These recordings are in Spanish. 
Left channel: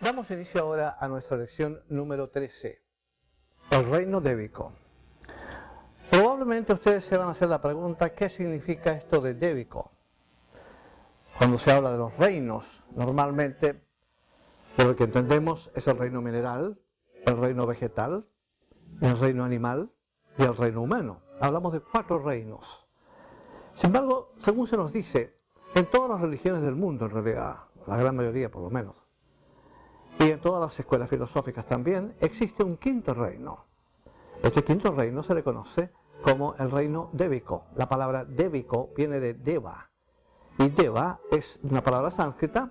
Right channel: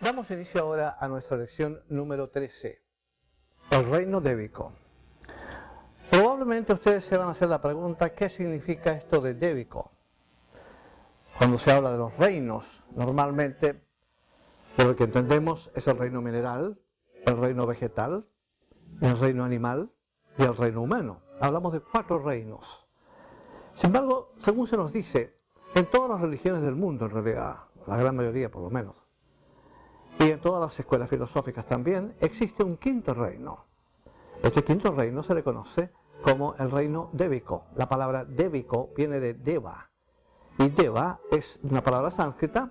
Damos inicio ahora a nuestra lección número 13, el reino débico. Probablemente ustedes se van a hacer la pregunta, ¿qué significa esto de débico? Cuando se habla de los reinos, normalmente, por lo que entendemos, es el reino mineral, el reino vegetal, el reino animal y el reino humano. Hablamos de 4 reinos. Sin embargo, según se nos dice, en todas las religiones del mundo, en realidad, la gran mayoría por lo menos, y en todas las escuelas filosóficas también, existe un 5.º reino. Este 5.º reino se le conoce como el reino débico. La palabra débico viene de Deva, y Deva es una palabra sánscrita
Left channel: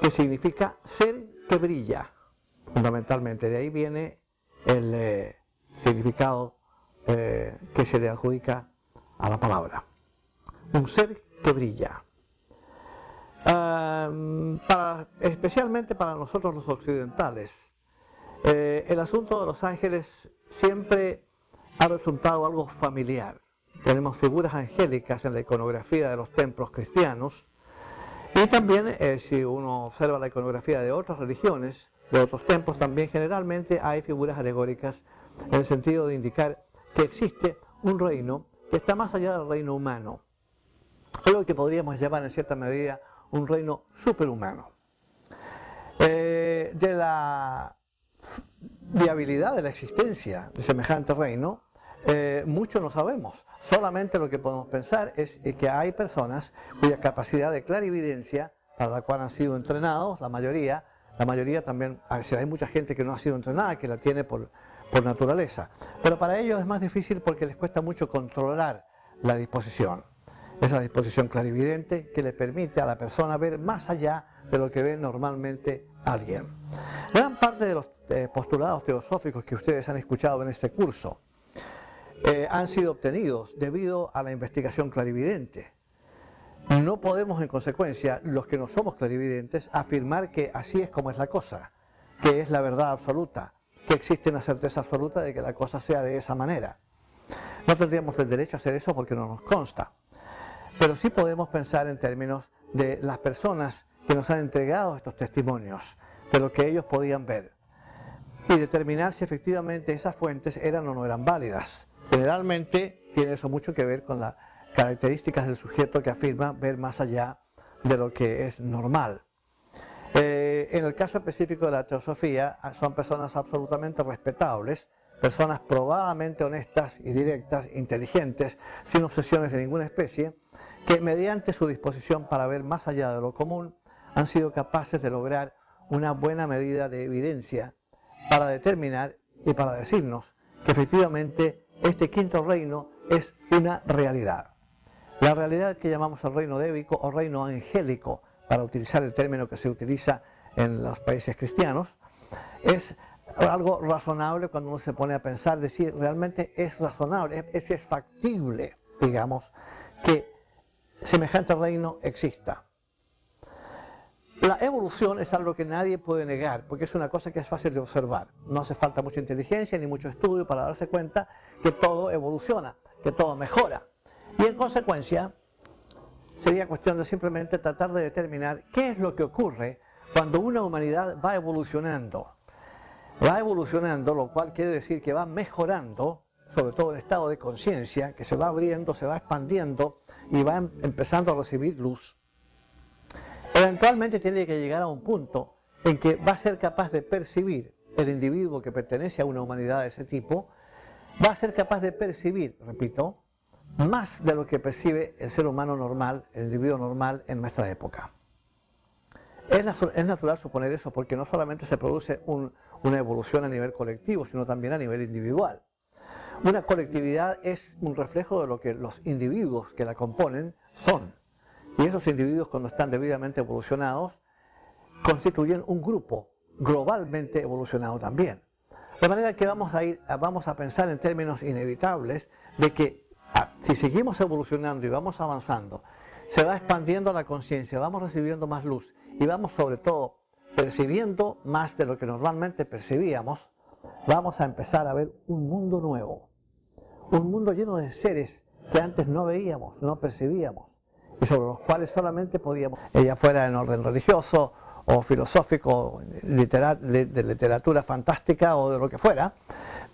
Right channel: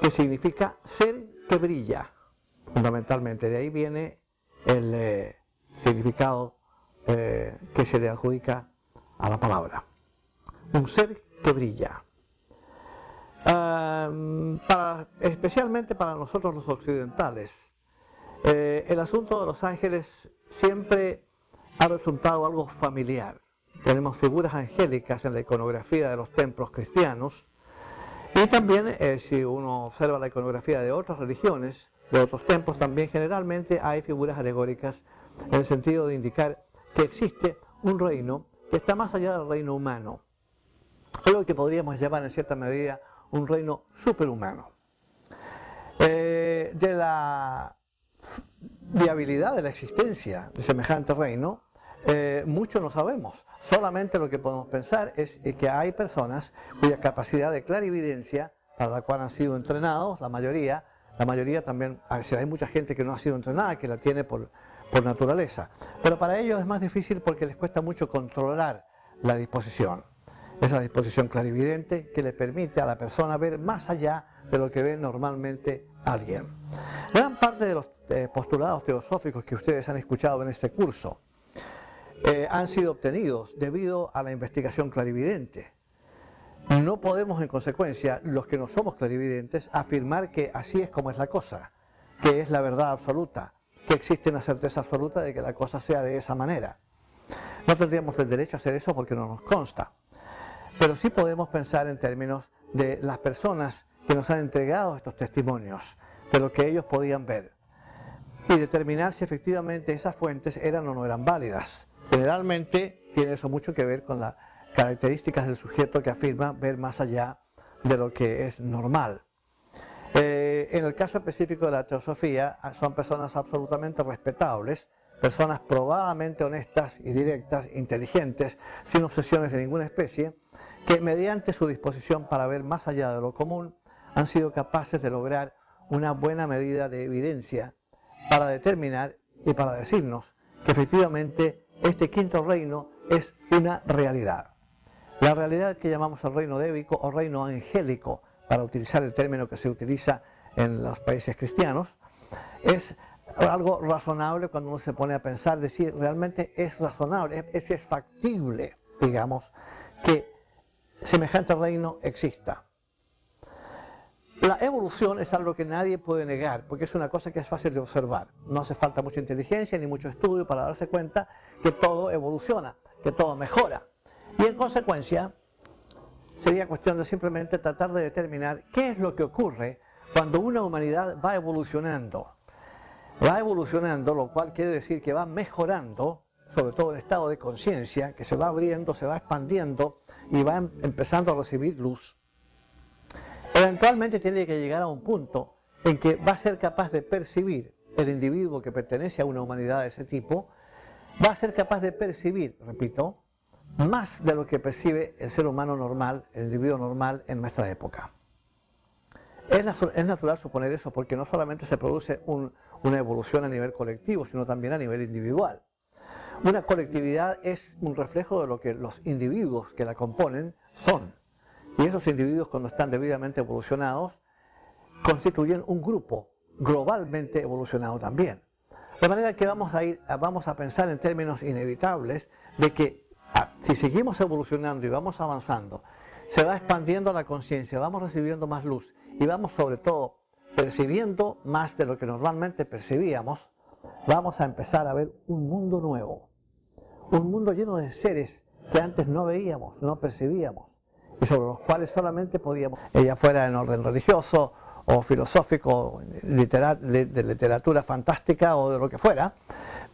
que significa ser que brilla, fundamentalmente. De ahí viene el significado que se le adjudica a la palabra. Un ser que brilla. Especialmente para nosotros los occidentales, el asunto de los ángeles siempre ha resultado algo familiar. Tenemos figuras angélicas en la iconografía de los templos cristianos, y también si uno observa la iconografía de otras religiones, de otros templos, también generalmente hay figuras alegóricas en el sentido de indicar que existe un reino que está más allá del reino humano, algo que podríamos llamar en cierta medida un reino superhumano. De la viabilidad de la existencia de semejante reino, mucho no sabemos. Solamente lo que podemos pensar es que hay personas cuya capacidad de clarividencia, para la cual han sido entrenados, la mayoría también, hay mucha gente que no ha sido entrenada, que la tiene por naturaleza. Pero para ellos es más difícil porque les cuesta mucho controlar la disposición. Esa disposición clarividente que le permite a la persona ver más allá de lo que ve normalmente alguien. Gran parte de los postulados teosóficos que ustedes han escuchado en este curso han sido obtenidos debido a la investigación clarividente. No podemos, en consecuencia, los que no somos clarividentes, afirmar que así es como es la cosa, que es la verdad absoluta, que existe una certeza absoluta de que la cosa sea de esa manera. No tendríamos el derecho a hacer eso porque no nos consta. Pero sí podemos pensar en términos de las personas que nos han entregado estos testimonios, de lo que ellos podían ver, y determinar si efectivamente esas fuentes eran o no eran válidas. Generalmente tiene eso mucho que ver con las características del sujeto que afirma ver más allá de lo que es normal. En el caso específico de la teosofía, son personas absolutamente respetables, personas probadamente honestas y directas, inteligentes, sin obsesiones de ninguna especie, que mediante su disposición para ver más allá de lo común, han sido capaces de lograr una buena medida de evidencia para determinar y para decirnos que efectivamente este 5.º reino es una realidad. La realidad que llamamos el reino débico o reino angélico, para utilizar el término que se utiliza en los países cristianos, es algo razonable cuando uno se pone a pensar, decir, realmente es razonable, es factible, digamos, que semejante reino exista. La evolución es algo que nadie puede negar, porque es una cosa que es fácil de observar. No hace falta mucha inteligencia ni mucho estudio para darse cuenta que todo evoluciona, que todo mejora. Y en consecuencia, sería cuestión de simplemente tratar de determinar qué es lo que ocurre cuando una humanidad va evolucionando. Va evolucionando, lo cual quiere decir que va mejorando, sobre todo el estado de conciencia, que se va abriendo, se va expandiendo y va empezando a recibir luz. Eventualmente tiene que llegar a un punto en que va a ser capaz de percibir el individuo que pertenece a una humanidad de ese tipo, va a ser capaz de percibir, repito, más de lo que percibe el ser humano normal, el individuo normal en nuestra época. Es natural suponer eso porque no solamente se produce una evolución a nivel colectivo, sino también a nivel individual. Una colectividad es un reflejo de lo que los individuos que la componen son. Y esos individuos, cuando están debidamente evolucionados, constituyen un grupo globalmente evolucionado también. De manera que vamos a pensar en términos inevitables de que si seguimos evolucionando y vamos avanzando, se va expandiendo la conciencia, vamos recibiendo más luz y vamos sobre todo percibiendo más de lo que normalmente percibíamos, vamos a empezar a ver un mundo nuevo, un mundo lleno de seres que antes no veíamos, no percibíamos, y sobre los cuales solamente podíamos, ya fuera en orden religioso o filosófico, de literatura fantástica o de lo que fuera,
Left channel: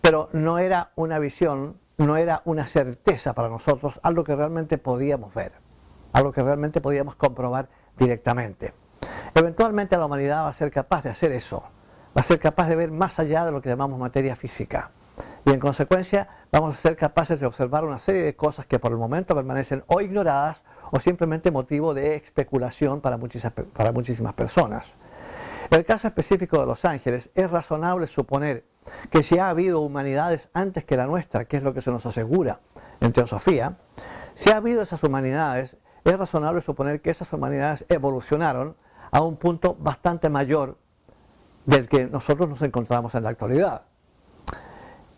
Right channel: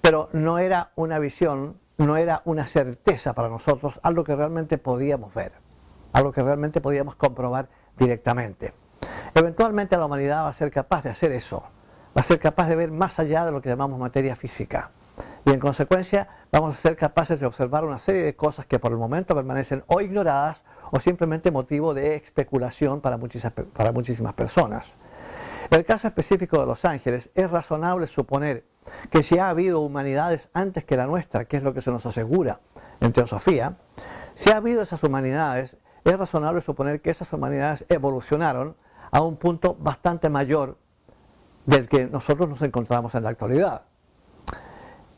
pero no era una visión, no era una certeza para nosotros, algo que realmente podíamos ver, algo que realmente podíamos comprobar directamente. Eventualmente la humanidad va a ser capaz de hacer eso, va a ser capaz de ver más allá de lo que llamamos materia física. Y en consecuencia vamos a ser capaces de observar una serie de cosas que por el momento permanecen o ignoradas o simplemente motivo de especulación para muchísimas personas. En el caso específico de los ángeles, es razonable suponer que si ha habido humanidades antes que la nuestra, que es lo que se nos asegura en teosofía, si ha habido esas humanidades, es razonable suponer que esas humanidades evolucionaron a un punto bastante mayor del que nosotros nos encontramos en la actualidad.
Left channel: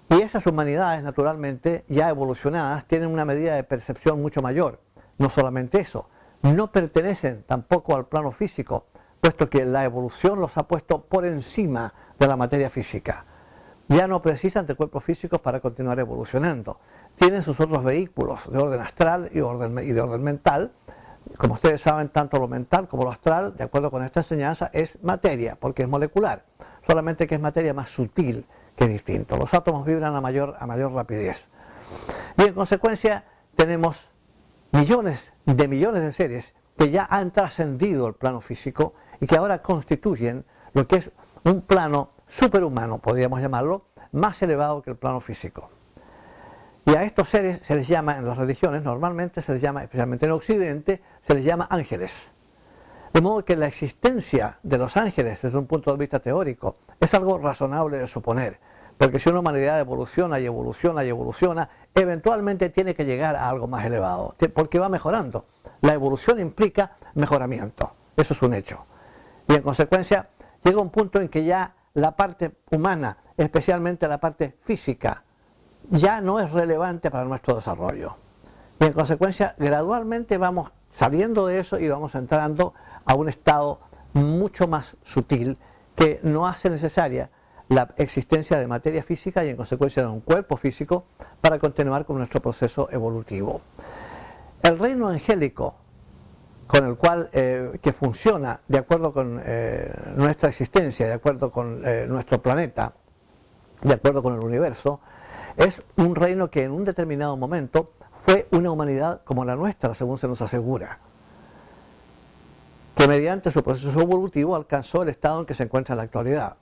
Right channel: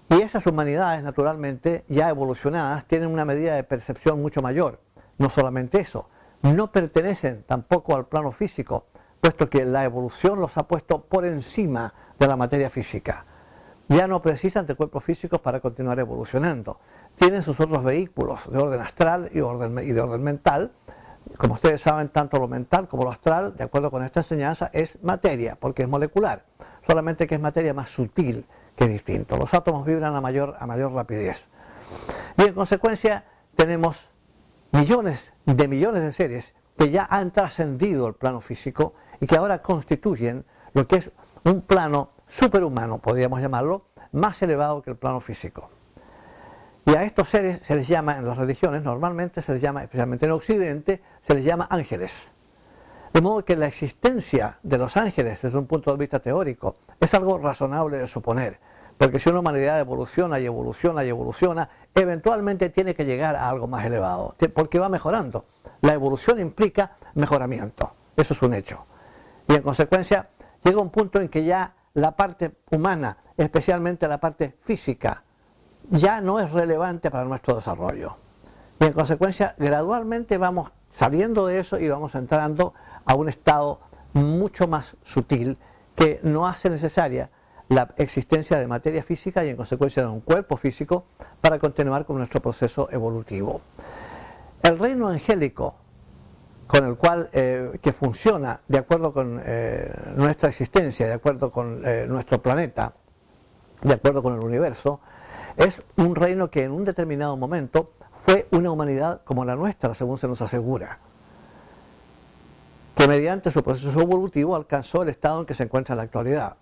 Y esas humanidades, naturalmente, ya evolucionadas, tienen una medida de percepción mucho mayor. No solamente eso, no pertenecen tampoco al plano físico, puesto que la evolución los ha puesto por encima de la materia física. Ya no precisan de cuerpos físicos para continuar evolucionando. Tienen sus otros vehículos de orden astral y de orden mental. Como ustedes saben, tanto lo mental como lo astral, de acuerdo con esta enseñanza, es materia, porque es molecular. Solamente que es materia más sutil, que es distinto. Los átomos vibran a mayor rapidez. Y en consecuencia tenemos millones de seres que ya han trascendido el plano físico y que ahora constituyen lo que es un plano superhumano, podríamos llamarlo, más elevado que el plano físico. Y a estos seres se les llama, en las religiones, normalmente se les llama, especialmente en Occidente, se les llama ángeles. De modo que la existencia de los ángeles desde un punto de vista teórico es algo razonable de suponer, porque si una humanidad evoluciona y evoluciona y evoluciona, eventualmente tiene que llegar a algo más elevado, porque va mejorando. La evolución implica mejoramiento, eso es un hecho. Y en consecuencia llega un punto en que ya la parte humana, especialmente la parte física, ya no es relevante para nuestro desarrollo. Y en consecuencia gradualmente vamos saliendo de eso y vamos entrando a un estado mucho más sutil que no hace necesaria la existencia de materia física y en consecuencia de un cuerpo físico para continuar con nuestro proceso evolutivo. El reino angélico, con el cual que funciona de acuerdo con nuestra existencia, de acuerdo con nuestro planeta, de acuerdo con el universo, es un reino que en un determinado momento fue una humanidad como la nuestra, según se nos asegura, que mediante su proceso evolutivo alcanzó el estado en que se encuentra en la actualidad.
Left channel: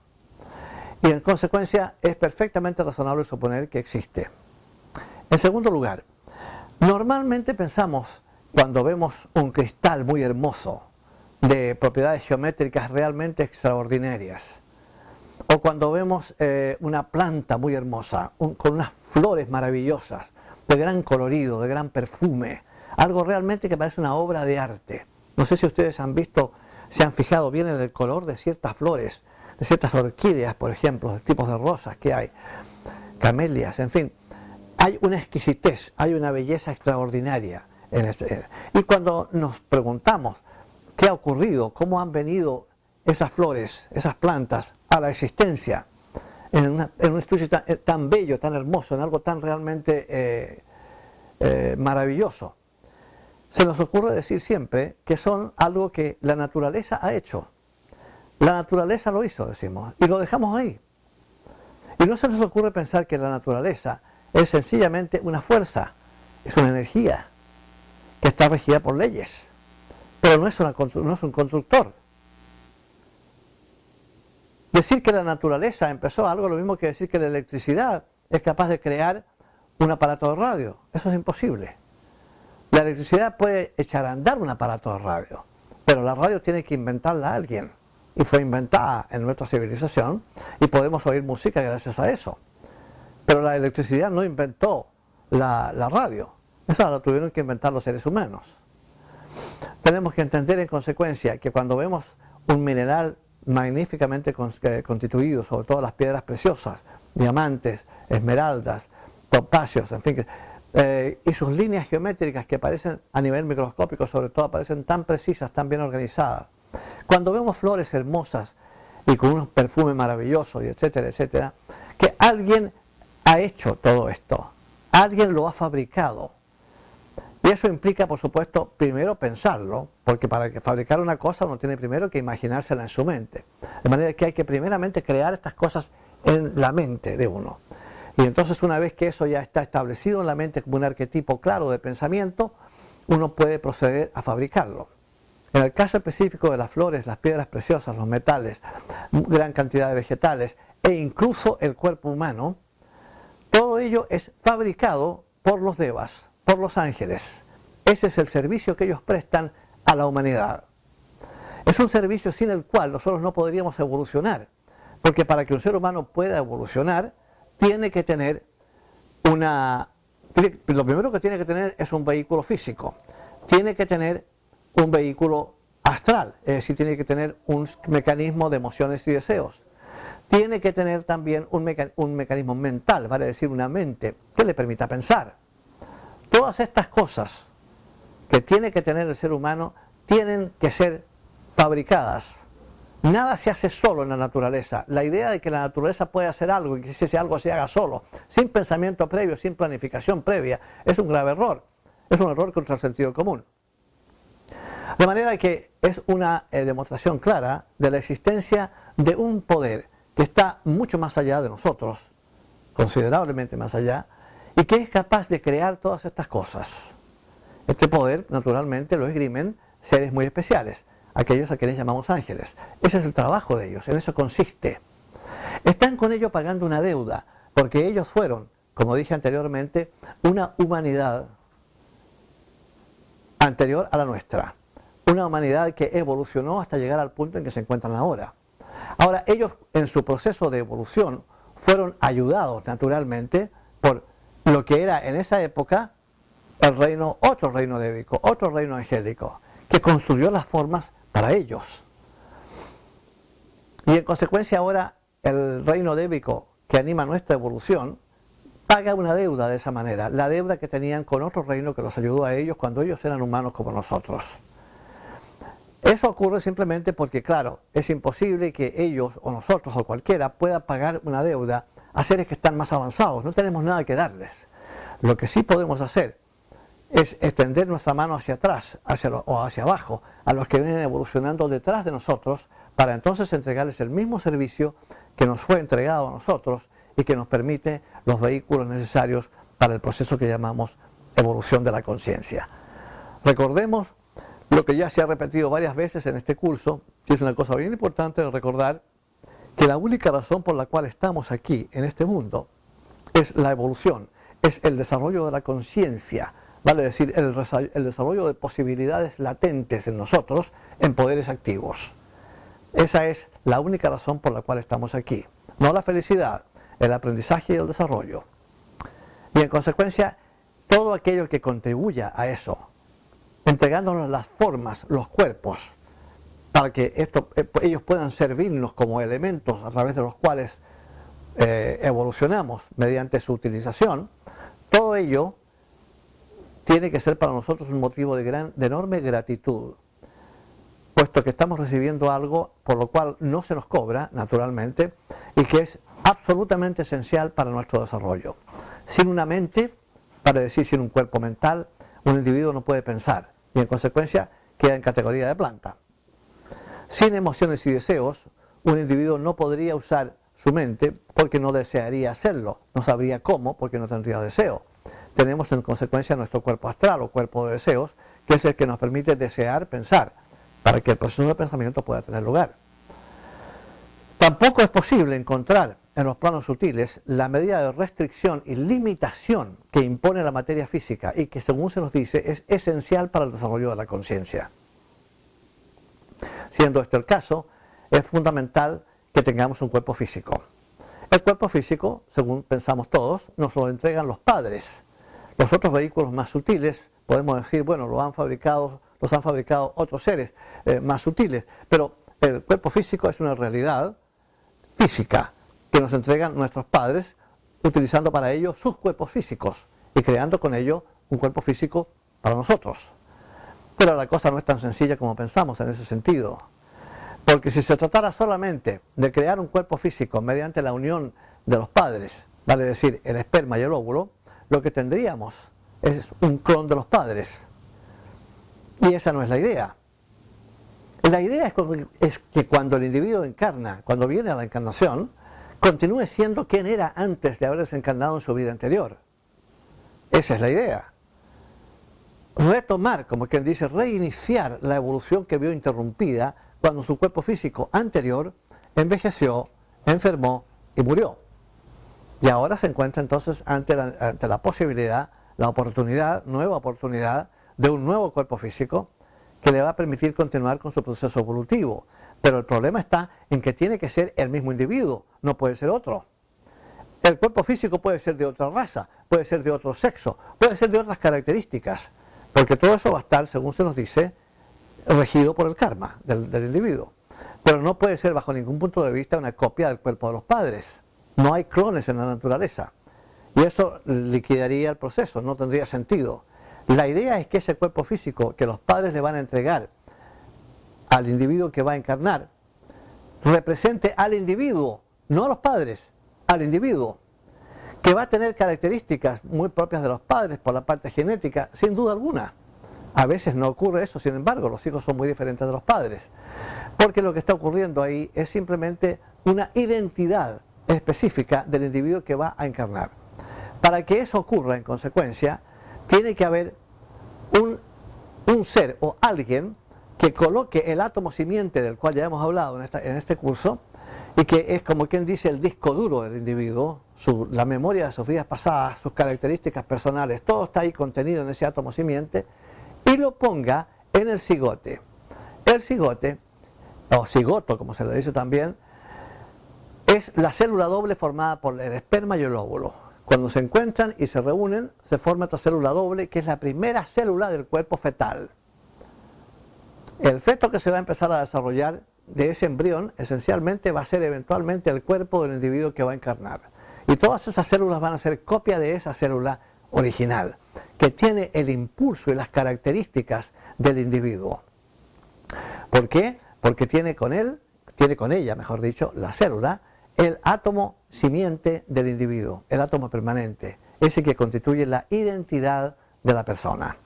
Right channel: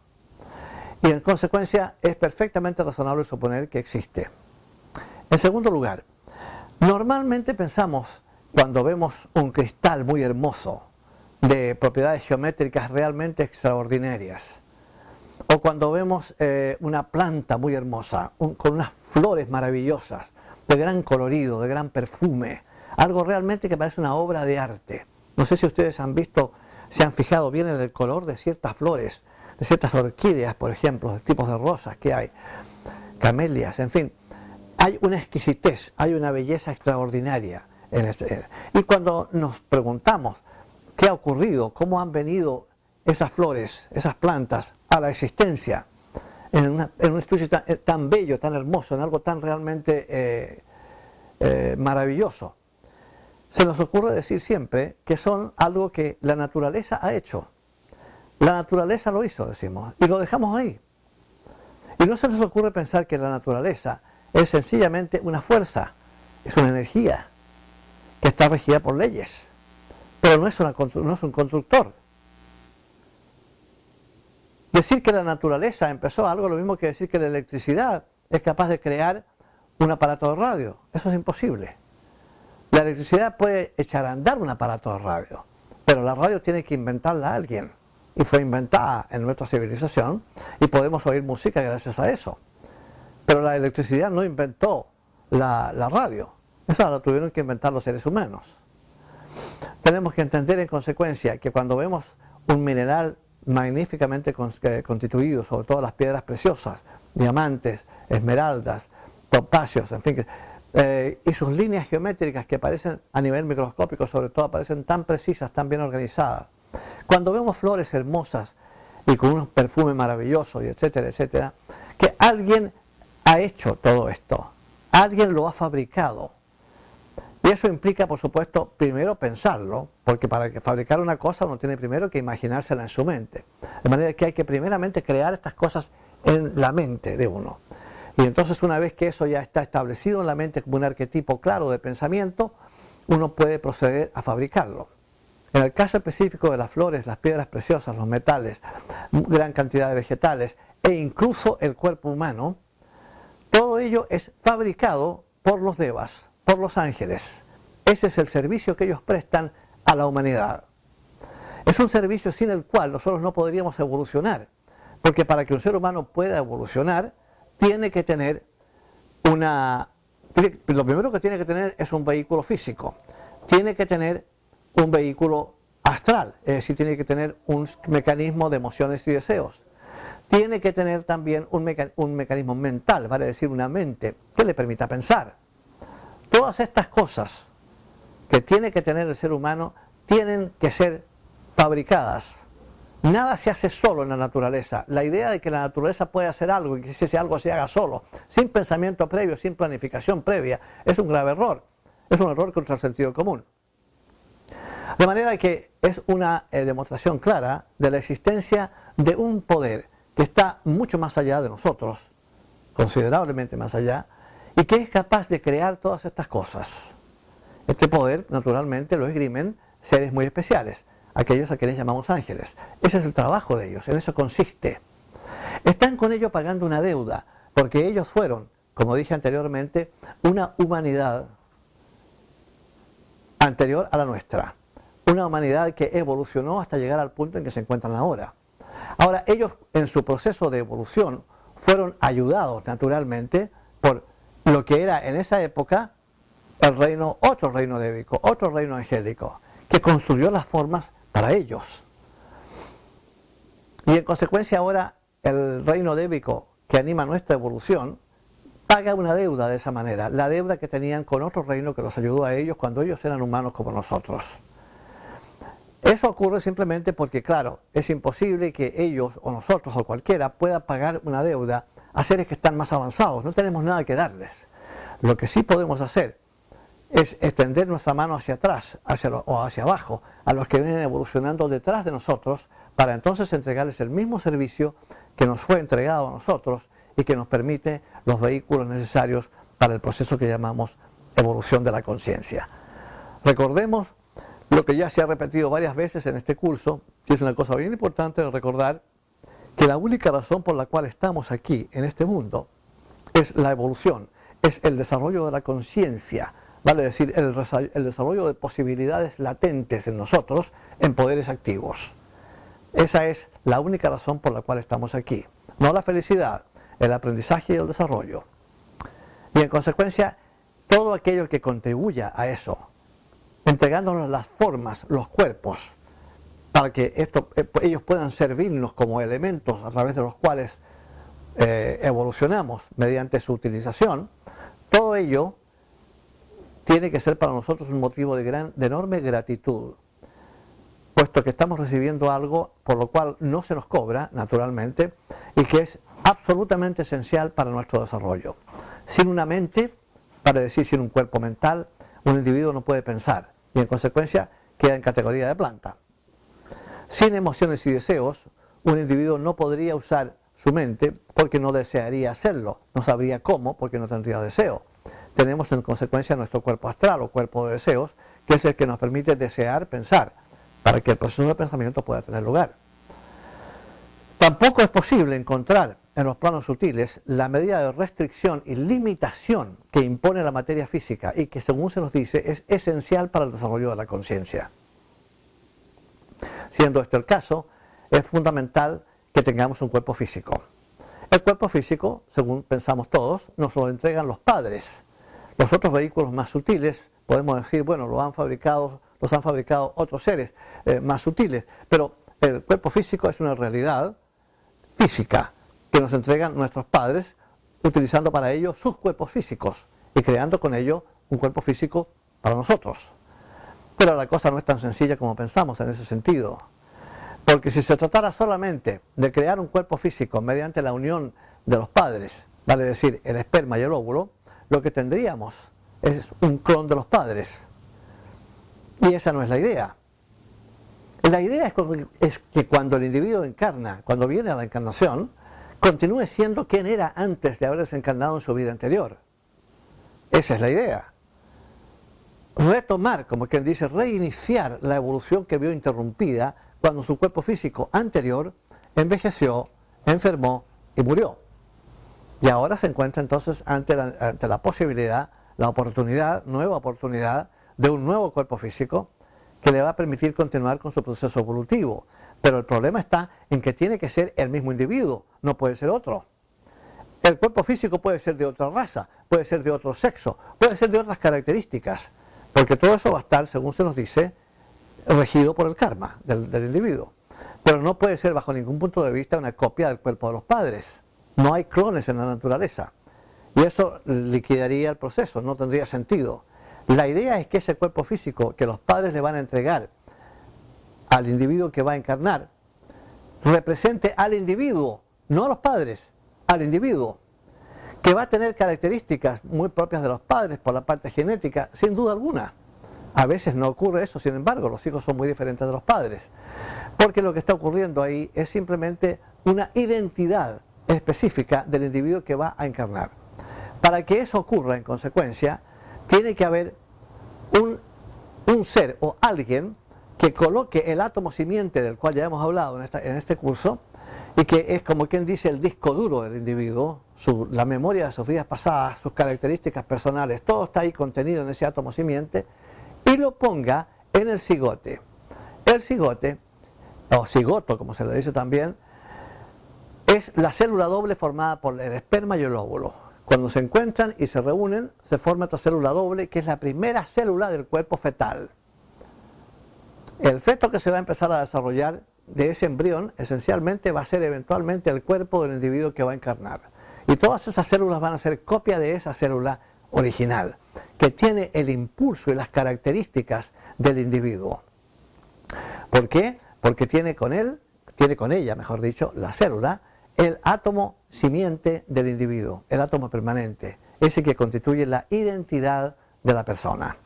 Y en consecuencia es perfectamente razonable suponer que existe. En segundo lugar, normalmente pensamos, cuando vemos un cristal muy hermoso, de propiedades geométricas realmente extraordinarias, o cuando vemos una planta muy hermosa, con unas flores maravillosas, de gran colorido, de gran perfume, algo realmente que parece una obra de arte. No sé si ustedes han visto, se han fijado bien en el color de ciertas flores, de ciertas orquídeas, por ejemplo, de tipos de rosas que hay, camelias, en fin. Hay una exquisitez, hay una belleza extraordinaria en este. Y cuando nos preguntamos qué ha ocurrido, cómo han venido esas flores, esas plantas a la existencia en un estudio tan bello, tan hermoso, en algo tan realmente maravilloso, se nos ocurre decir siempre que son algo que la naturaleza ha hecho. La naturaleza lo hizo, decimos, y lo dejamos ahí. Y no se nos ocurre pensar que la naturaleza es sencillamente una fuerza, es una energía que está regida por leyes, pero no es un constructor. Decir que la naturaleza empezó algo lo mismo que decir que la electricidad es capaz de crear un aparato de radio. Eso es imposible. La electricidad puede echar a andar un aparato de radio, pero la radio tiene que inventarla a alguien. Y fue inventada en nuestra civilización y podemos oír música gracias a eso. Pero la electricidad no inventó la radio. Esa la tuvieron que inventar los seres humanos. Tenemos que entender en consecuencia que cuando vemos un mineral magníficamente constituido, sobre todo las piedras preciosas, diamantes, esmeraldas, topacios, en fin, y sus líneas geométricas que aparecen a nivel microscópico, sobre todo, aparecen tan precisas, tan bien organizadas. Cuando vemos flores hermosas y con un perfume maravilloso, y etcétera, etcétera, que alguien ha hecho todo esto, alguien lo ha fabricado. Y eso implica, por supuesto, primero pensarlo, porque para fabricar una cosa uno tiene primero que imaginársela en su mente. De manera que hay que primeramente crear estas cosas en la mente de uno. Y entonces una vez que eso ya está establecido en la mente como un arquetipo claro de pensamiento, uno puede proceder a fabricarlo. En el caso específico de las flores, las piedras preciosas, los metales, gran cantidad de vegetales e incluso el cuerpo humano, todo ello es fabricado por los devas, por los ángeles. Ese es el servicio que ellos prestan a la humanidad. Es un servicio sin el cual nosotros no podríamos evolucionar, porque para que un ser humano pueda evolucionar, tiene que tener lo primero que tiene que tener es un vehículo físico, tiene que tener un vehículo astral, es decir, tiene que tener un mecanismo de emociones y deseos, tiene que tener también un mecanismo mental, vale decir, una mente que le permita pensar. Todas estas cosas que tiene que tener el ser humano tienen que ser fabricadas. Nada se hace solo en la naturaleza. La idea de que la naturaleza puede hacer algo y que ese algo se haga solo, sin pensamiento previo, sin planificación previa, es un grave error. Es un error contra el sentido común. De manera que es una demostración clara de la existencia de un poder que está mucho más allá de nosotros, considerablemente más allá, y que es capaz de crear todas estas cosas. Este poder, naturalmente, lo esgrimen seres muy especiales, aquellos a quienes llamamos ángeles. Ese es el trabajo de ellos, en eso consiste. Están con ello pagando una deuda, porque ellos fueron, como dije anteriormente, una humanidad anterior a la nuestra. Una humanidad que evolucionó hasta llegar al punto en que se encuentran ahora. Ahora, ellos en su proceso de evolución fueron ayudados naturalmente por lo que era en esa época el reino, otro reino débico, otro reino angélico, que construyó las formas para ellos. Y en consecuencia ahora el reino débico que anima nuestra evolución paga una deuda de esa manera, la deuda que tenían con otro reino que los ayudó a ellos cuando ellos eran humanos como nosotros. Eso ocurre simplemente porque, claro, es imposible que ellos o nosotros o cualquiera pueda pagar una deuda a seres que están más avanzados. No tenemos nada que darles. Lo que sí podemos hacer es extender nuestra mano hacia atrás o hacia abajo a los que vienen evolucionando detrás de nosotros para entonces entregarles el mismo servicio que nos fue entregado a nosotros y que nos permite los vehículos necesarios para el proceso que llamamos evolución de la conciencia. Recordemos lo que ya se ha repetido varias veces en este curso, que es una cosa bien importante de recordar, que la única razón por la cual estamos aquí en este mundo es la evolución, es el desarrollo de la conciencia, vale decir, el desarrollo de posibilidades latentes en nosotros en poderes activos. Esa es la única razón por la cual estamos aquí, no la felicidad, el aprendizaje y el desarrollo. Y en consecuencia, todo aquello que contribuya a eso, entregándonos las formas, los cuerpos, para que ellos puedan servirnos como elementos a través de los cuales evolucionamos mediante su utilización, todo ello tiene que ser para nosotros un motivo de enorme gratitud, puesto que estamos recibiendo algo por lo cual no se nos cobra, naturalmente, y que es absolutamente esencial para nuestro desarrollo. Sin una mente, para decir sin un cuerpo mental, un individuo no puede pensar y en consecuencia queda en categoría de planta. Sin emociones y deseos, un individuo no podría usar su mente porque no desearía hacerlo, no sabría cómo porque no tendría deseo. Tenemos en consecuencia nuestro cuerpo astral o cuerpo de deseos, que es el que nos permite desear pensar, para que el proceso de pensamiento pueda tener lugar. Tampoco es posible encontrar en los planos sutiles la medida de restricción y limitación que impone la materia física y que, según se nos dice, es esencial para el desarrollo de la conciencia. Siendo este el caso, es fundamental que tengamos un cuerpo físico. El cuerpo físico, según pensamos todos, nos lo entregan los padres. Los otros vehículos más sutiles, podemos decir, bueno, los han fabricado otros seres más sutiles, pero el cuerpo físico es una realidad física que nos entregan nuestros padres utilizando para ello sus cuerpos físicos y creando con ello un cuerpo físico para nosotros. Pero la cosa no es tan sencilla como pensamos en ese sentido, porque si se tratara solamente de crear un cuerpo físico mediante la unión de los padres, vale decir el esperma y el óvulo, lo que tendríamos es un clon de los padres. Y esa no es la idea. La idea es que cuando el individuo encarna, cuando viene a la encarnación, continúe siendo quien era antes de haber desencarnado en su vida anterior. Esa es la idea. Retomar, como quien dice, reiniciar la evolución que vio interrumpida cuando su cuerpo físico anterior envejeció, enfermó y murió. Y ahora se encuentra entonces ante la posibilidad, la oportunidad, nueva oportunidad de un nuevo cuerpo físico que le va a permitir continuar con su proceso evolutivo. Pero el problema está en que tiene que ser el mismo individuo, no puede ser otro. El cuerpo físico puede ser de otra raza, puede ser de otro sexo, puede ser de otras características, porque todo eso va a estar, según se nos dice, regido por el karma del individuo. Pero no puede ser bajo ningún punto de vista una copia del cuerpo de los padres. No hay clones en la naturaleza. Y eso liquidaría el proceso, no tendría sentido. La idea es que ese cuerpo físico que los padres le van a entregar al individuo que va a encarnar, represente al individuo, no a los padres, al individuo, que va a tener características muy propias de los padres por la parte genética, sin duda alguna. A veces no ocurre eso, sin embargo, los hijos son muy diferentes de los padres, porque lo que está ocurriendo ahí es simplemente una identidad específica del individuo que va a encarnar. Para que eso ocurra, en consecuencia, tiene que haber un ser o alguien que coloque el átomo simiente del cual ya hemos hablado en este curso, y que es como quien dice el disco duro del individuo, la memoria de sus vidas pasadas, sus características personales, todo está ahí contenido en ese átomo simiente, y lo ponga en el cigote. El cigote, o cigoto como se le dice también, es la célula doble formada por el esperma y el óvulo. Cuando se encuentran y se reúnen, se forma esta célula doble, que es la primera célula del cuerpo fetal. El feto que se va a empezar a desarrollar de ese embrión, esencialmente va a ser eventualmente el cuerpo del individuo que va a encarnar. Y todas esas células van a ser copia de esa célula original, que tiene el impulso y las características del individuo. ¿Por qué? Porque tiene con ella, mejor dicho, la célula, el átomo simiente del individuo, el átomo permanente, ese que constituye la identidad de la persona.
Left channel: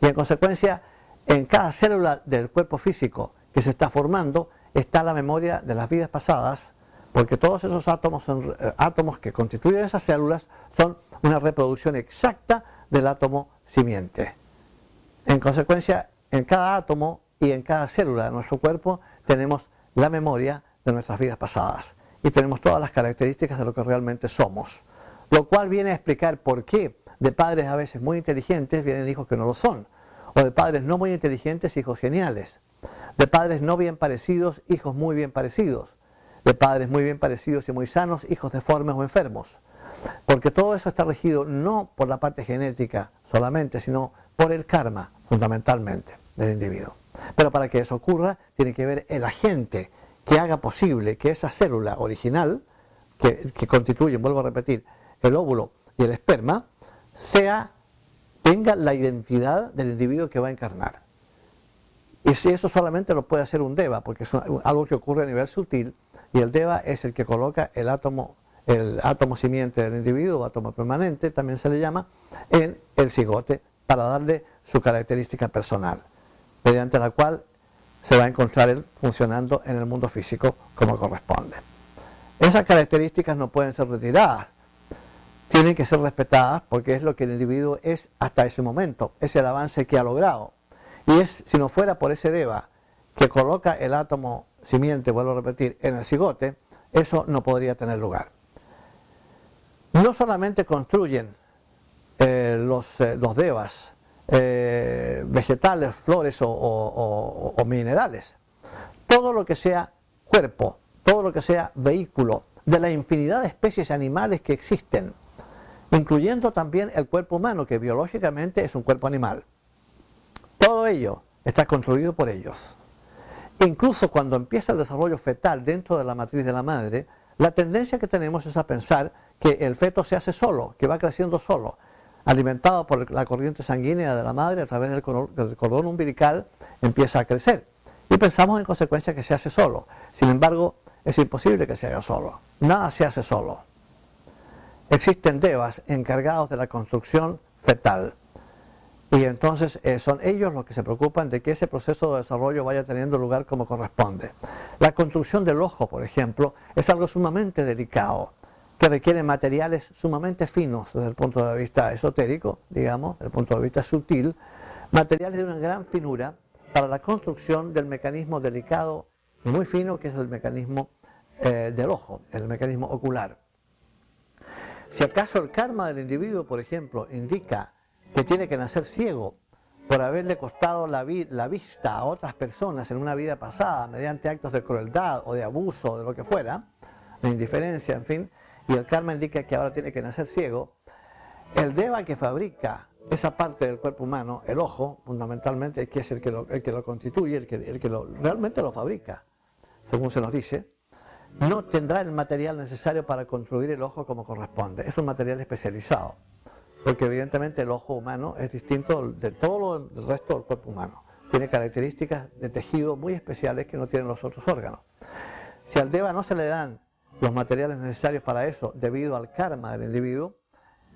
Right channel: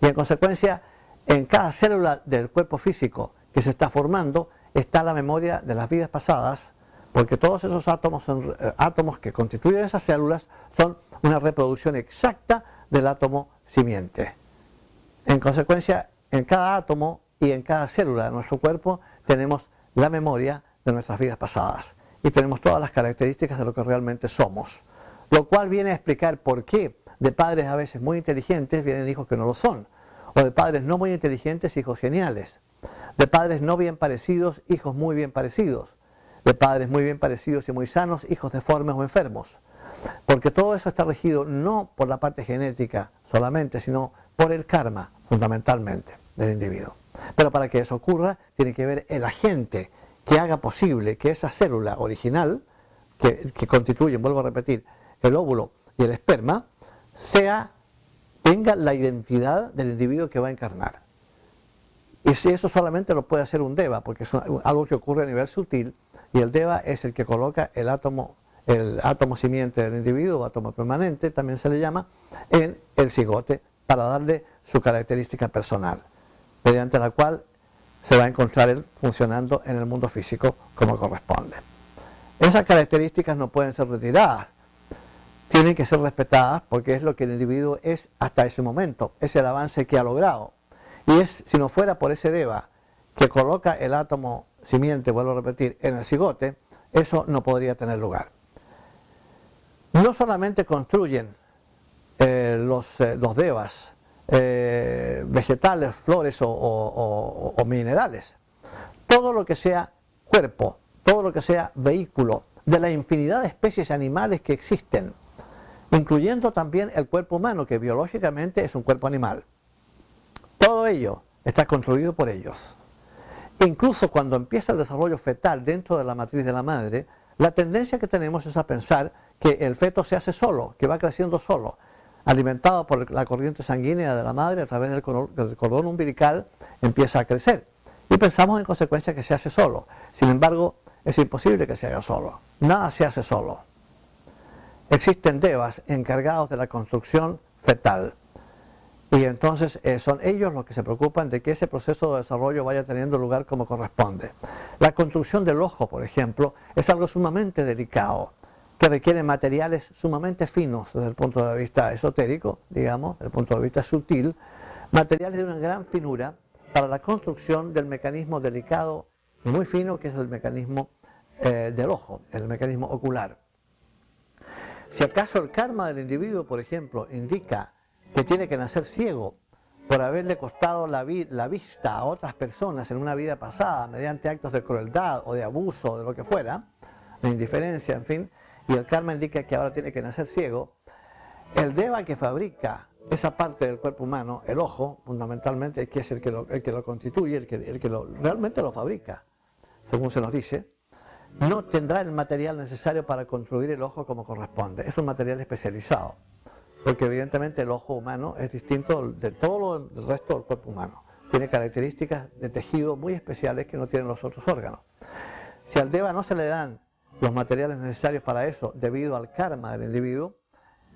Y en consecuencia, en cada célula del cuerpo físico que se está formando está la memoria de las vidas pasadas, porque todos esos átomos son átomos que constituyen esas células, son una reproducción exacta del átomo simiente. En consecuencia, en cada átomo y en cada célula de nuestro cuerpo tenemos la memoria de nuestras vidas pasadas y tenemos todas las características de lo que realmente somos, lo cual viene a explicar por qué de padres a veces muy inteligentes vienen hijos que no lo son, o de padres no muy inteligentes, hijos geniales, de padres no bien parecidos, hijos muy bien parecidos, de padres muy bien parecidos y muy sanos, hijos deformes o enfermos, porque todo eso está regido no por la parte genética solamente, sino por el karma, fundamentalmente, del individuo. Pero para que eso ocurra, tiene que haber el agente que haga posible que esa célula original, que constituyen, vuelvo a repetir, el óvulo y el esperma, tenga la identidad del individuo que va a encarnar. Y si eso solamente lo puede hacer un deva, porque es algo que ocurre a nivel sutil, y el deva es el que coloca el átomo simiente del individuo, o átomo permanente, también se le llama, en el cigote, para darle su característica personal, mediante la cual se va a encontrar él funcionando en el mundo físico como corresponde. Esas características no pueden ser retiradas, tienen que ser respetadas porque es lo que el individuo es hasta ese momento, es el avance que ha logrado. Y si no fuera por ese deva que coloca el átomo simiente, vuelvo a repetir, en el cigote, eso no podría tener lugar. No solamente construyen los devas, vegetales, flores o minerales, todo lo que sea cuerpo, todo lo que sea vehículo de la infinidad de especies animales que existen, incluyendo también el cuerpo humano, que biológicamente es un cuerpo animal. Todo ello está construido por ellos. Incluso cuando empieza el desarrollo fetal dentro de la matriz de la madre, la tendencia que tenemos es a pensar que el feto se hace solo, que va creciendo solo, alimentado por la corriente sanguínea de la madre a través del cordón umbilical, empieza a crecer. Y pensamos en consecuencia que se hace solo. Sin embargo, es imposible que se haga solo. Nada se hace solo. Existen devas encargados de la construcción fetal, Y entonces son ellos los que se preocupan de que ese proceso de desarrollo vaya teniendo lugar como corresponde. La construcción del ojo, por ejemplo, es algo sumamente delicado, que requiere materiales sumamente finos desde el punto de vista esotérico, digamos, desde el punto de vista sutil, materiales de una gran finura para la construcción del mecanismo delicado y muy fino que es el mecanismo del ojo, el mecanismo ocular. Si acaso el karma del individuo, por ejemplo, indica que tiene que nacer ciego por haberle costado la vista a otras personas en una vida pasada mediante actos de crueldad o de abuso o de lo que fuera, de indiferencia, en fin, y el karma indica que ahora tiene que nacer ciego, el deva que fabrica esa parte del cuerpo humano, el ojo, fundamentalmente, que es el que lo constituye, el que realmente lo fabrica, según se nos dice, no tendrá el material necesario para construir el ojo como corresponde. Es un material especializado, porque evidentemente el ojo humano es distinto de todo el resto del cuerpo humano. Tiene características de tejido muy especiales que no tienen los otros órganos. Si al deva no se le dan los materiales necesarios para eso, debido al karma del individuo,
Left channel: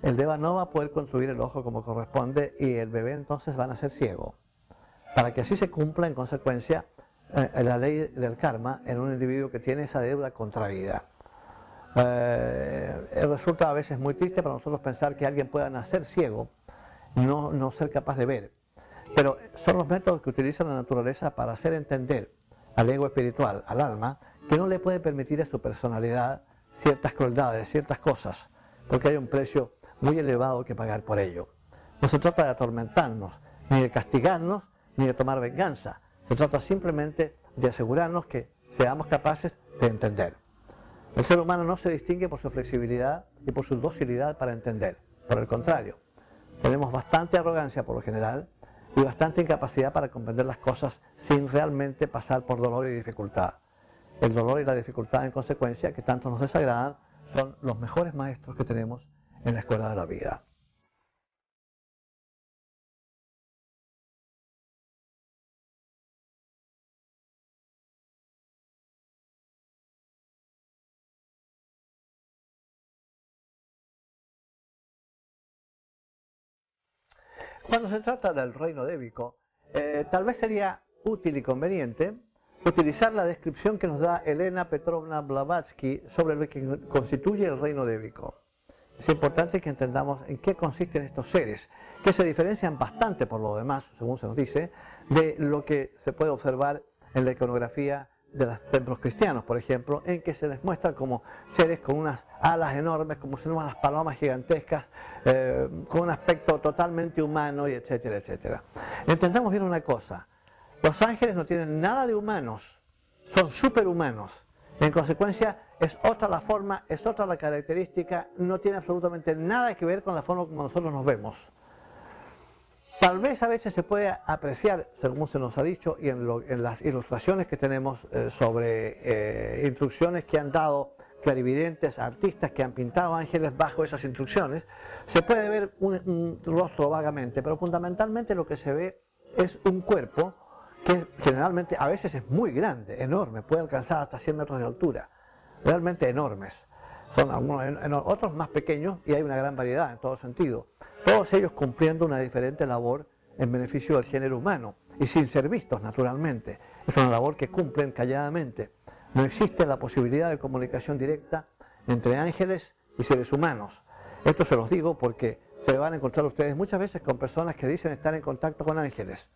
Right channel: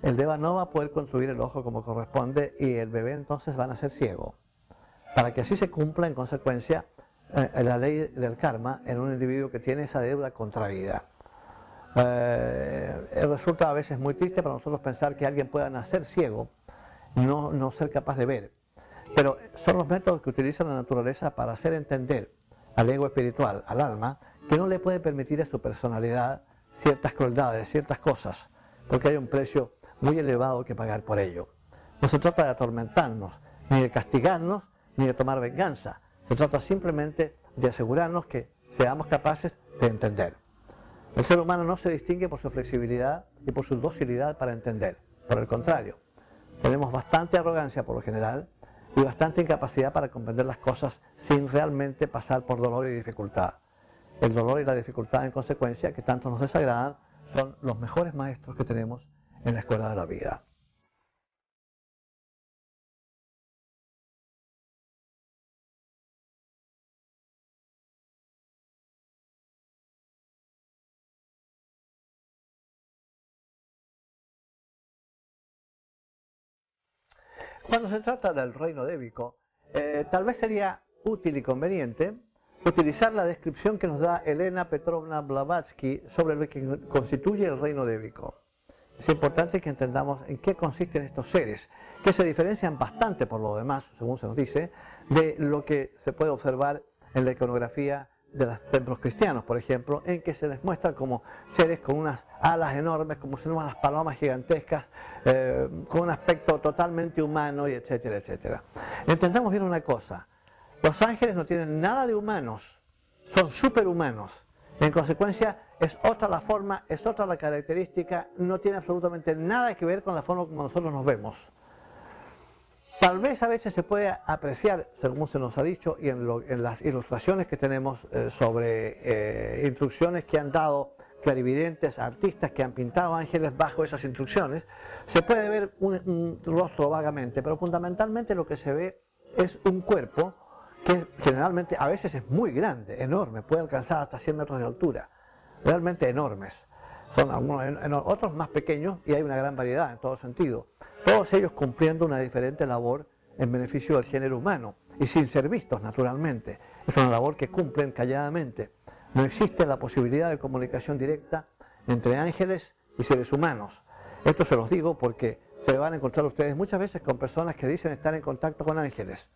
el deva no va a poder construir el ojo como corresponde y el bebé entonces va a nacer ciego. Para que así se cumpla en consecuencia la ley del karma en un individuo que tiene esa deuda contraída. Resulta a veces muy triste para nosotros pensar que alguien pueda nacer ciego y no ser capaz de ver. Pero son los métodos que utiliza la naturaleza para hacer entender al ego espiritual, al alma, que no le puede permitir a su personalidad ciertas crueldades, ciertas cosas, porque hay un precio muy elevado que pagar por ello. No se trata de atormentarnos, ni de castigarnos, ni de tomar venganza. Se trata simplemente de asegurarnos que seamos capaces de entender. El ser humano no se distingue por su flexibilidad y por su docilidad para entender. Por el contrario, tenemos bastante arrogancia por lo general y bastante incapacidad para comprender las cosas sin realmente pasar por dolor y dificultad. El dolor y la dificultad, en consecuencia, que tanto nos desagradan, son los mejores maestros que tenemos en la escuela de la vida. Cuando se trata del reino débico, tal vez sería útil y conveniente utilizar la descripción que nos da Elena Petrovna Blavatsky sobre lo que constituye el reino débico. Es importante que entendamos en qué consisten estos seres, que se diferencian bastante por lo demás, según se nos dice, de lo que se puede observar en la iconografía de los templos cristianos, por ejemplo, en que se les muestra como seres con unas alas enormes, como si fueran unas palomas gigantescas, con un aspecto totalmente humano, y etcétera, etcétera. Entendamos bien una cosa: los ángeles no tienen nada de humanos, son superhumanos. En consecuencia, es otra la forma, es otra la característica, no tiene absolutamente nada que ver con la forma como nosotros nos vemos. Tal vez a veces se puede apreciar, según se nos ha dicho, y en las ilustraciones que tenemos sobre instrucciones que han dado clarividentes, artistas que han pintado ángeles bajo esas instrucciones, se puede ver un rostro vagamente, pero fundamentalmente lo que se ve es un cuerpo que generalmente a veces es muy grande, enorme, puede alcanzar hasta 100 metros de altura, realmente enormes. Son algunos, otros más pequeños y hay una gran variedad en todo sentido. Todos ellos cumpliendo una diferente labor en beneficio del género humano y sin ser vistos naturalmente. Es una labor que cumplen calladamente. No existe la posibilidad de comunicación directa entre ángeles y seres humanos. Esto se los digo porque se van a encontrar ustedes muchas veces con personas que dicen estar en contacto con ángeles.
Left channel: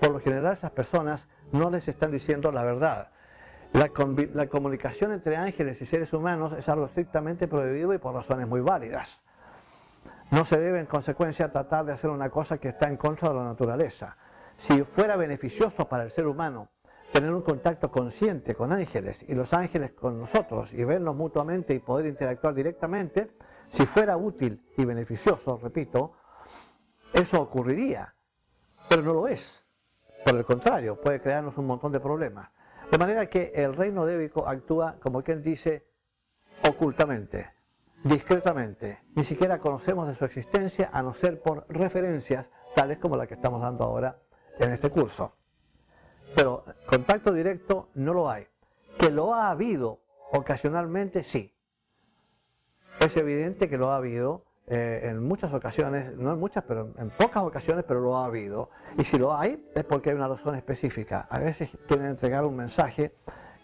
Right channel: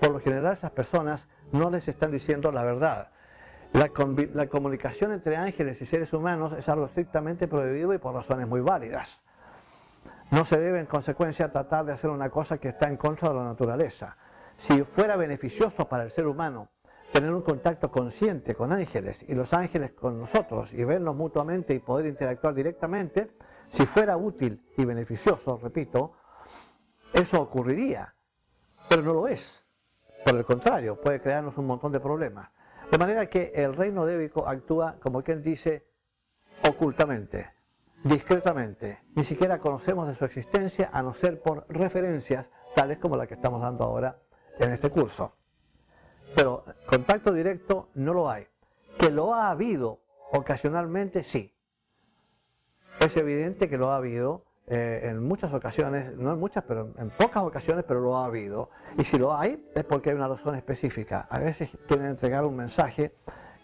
Por lo general esas personas no les están diciendo la verdad. La comunicación entre ángeles y seres humanos es algo estrictamente prohibido y por razones muy válidas. No se debe en consecuencia tratar de hacer una cosa que está en contra de la naturaleza. Si fuera beneficioso para el ser humano tener un contacto consciente con ángeles y los ángeles con nosotros y vernos mutuamente y poder interactuar directamente, si fuera útil y beneficioso, repito, eso ocurriría, pero no lo es. Por el contrario, puede crearnos un montón de problemas. De manera que el reino débico actúa, como quien dice, ocultamente, discretamente. Ni siquiera conocemos de su existencia a no ser por referencias tales como la que estamos dando ahora en este curso. Pero contacto directo no lo hay. Que lo ha habido ocasionalmente, sí. Es evidente que lo ha habido en muchas ocasiones, no en muchas, pero en pocas ocasiones, pero lo ha habido. Y si lo hay, es porque hay una razón específica. A veces quieren entregar un mensaje,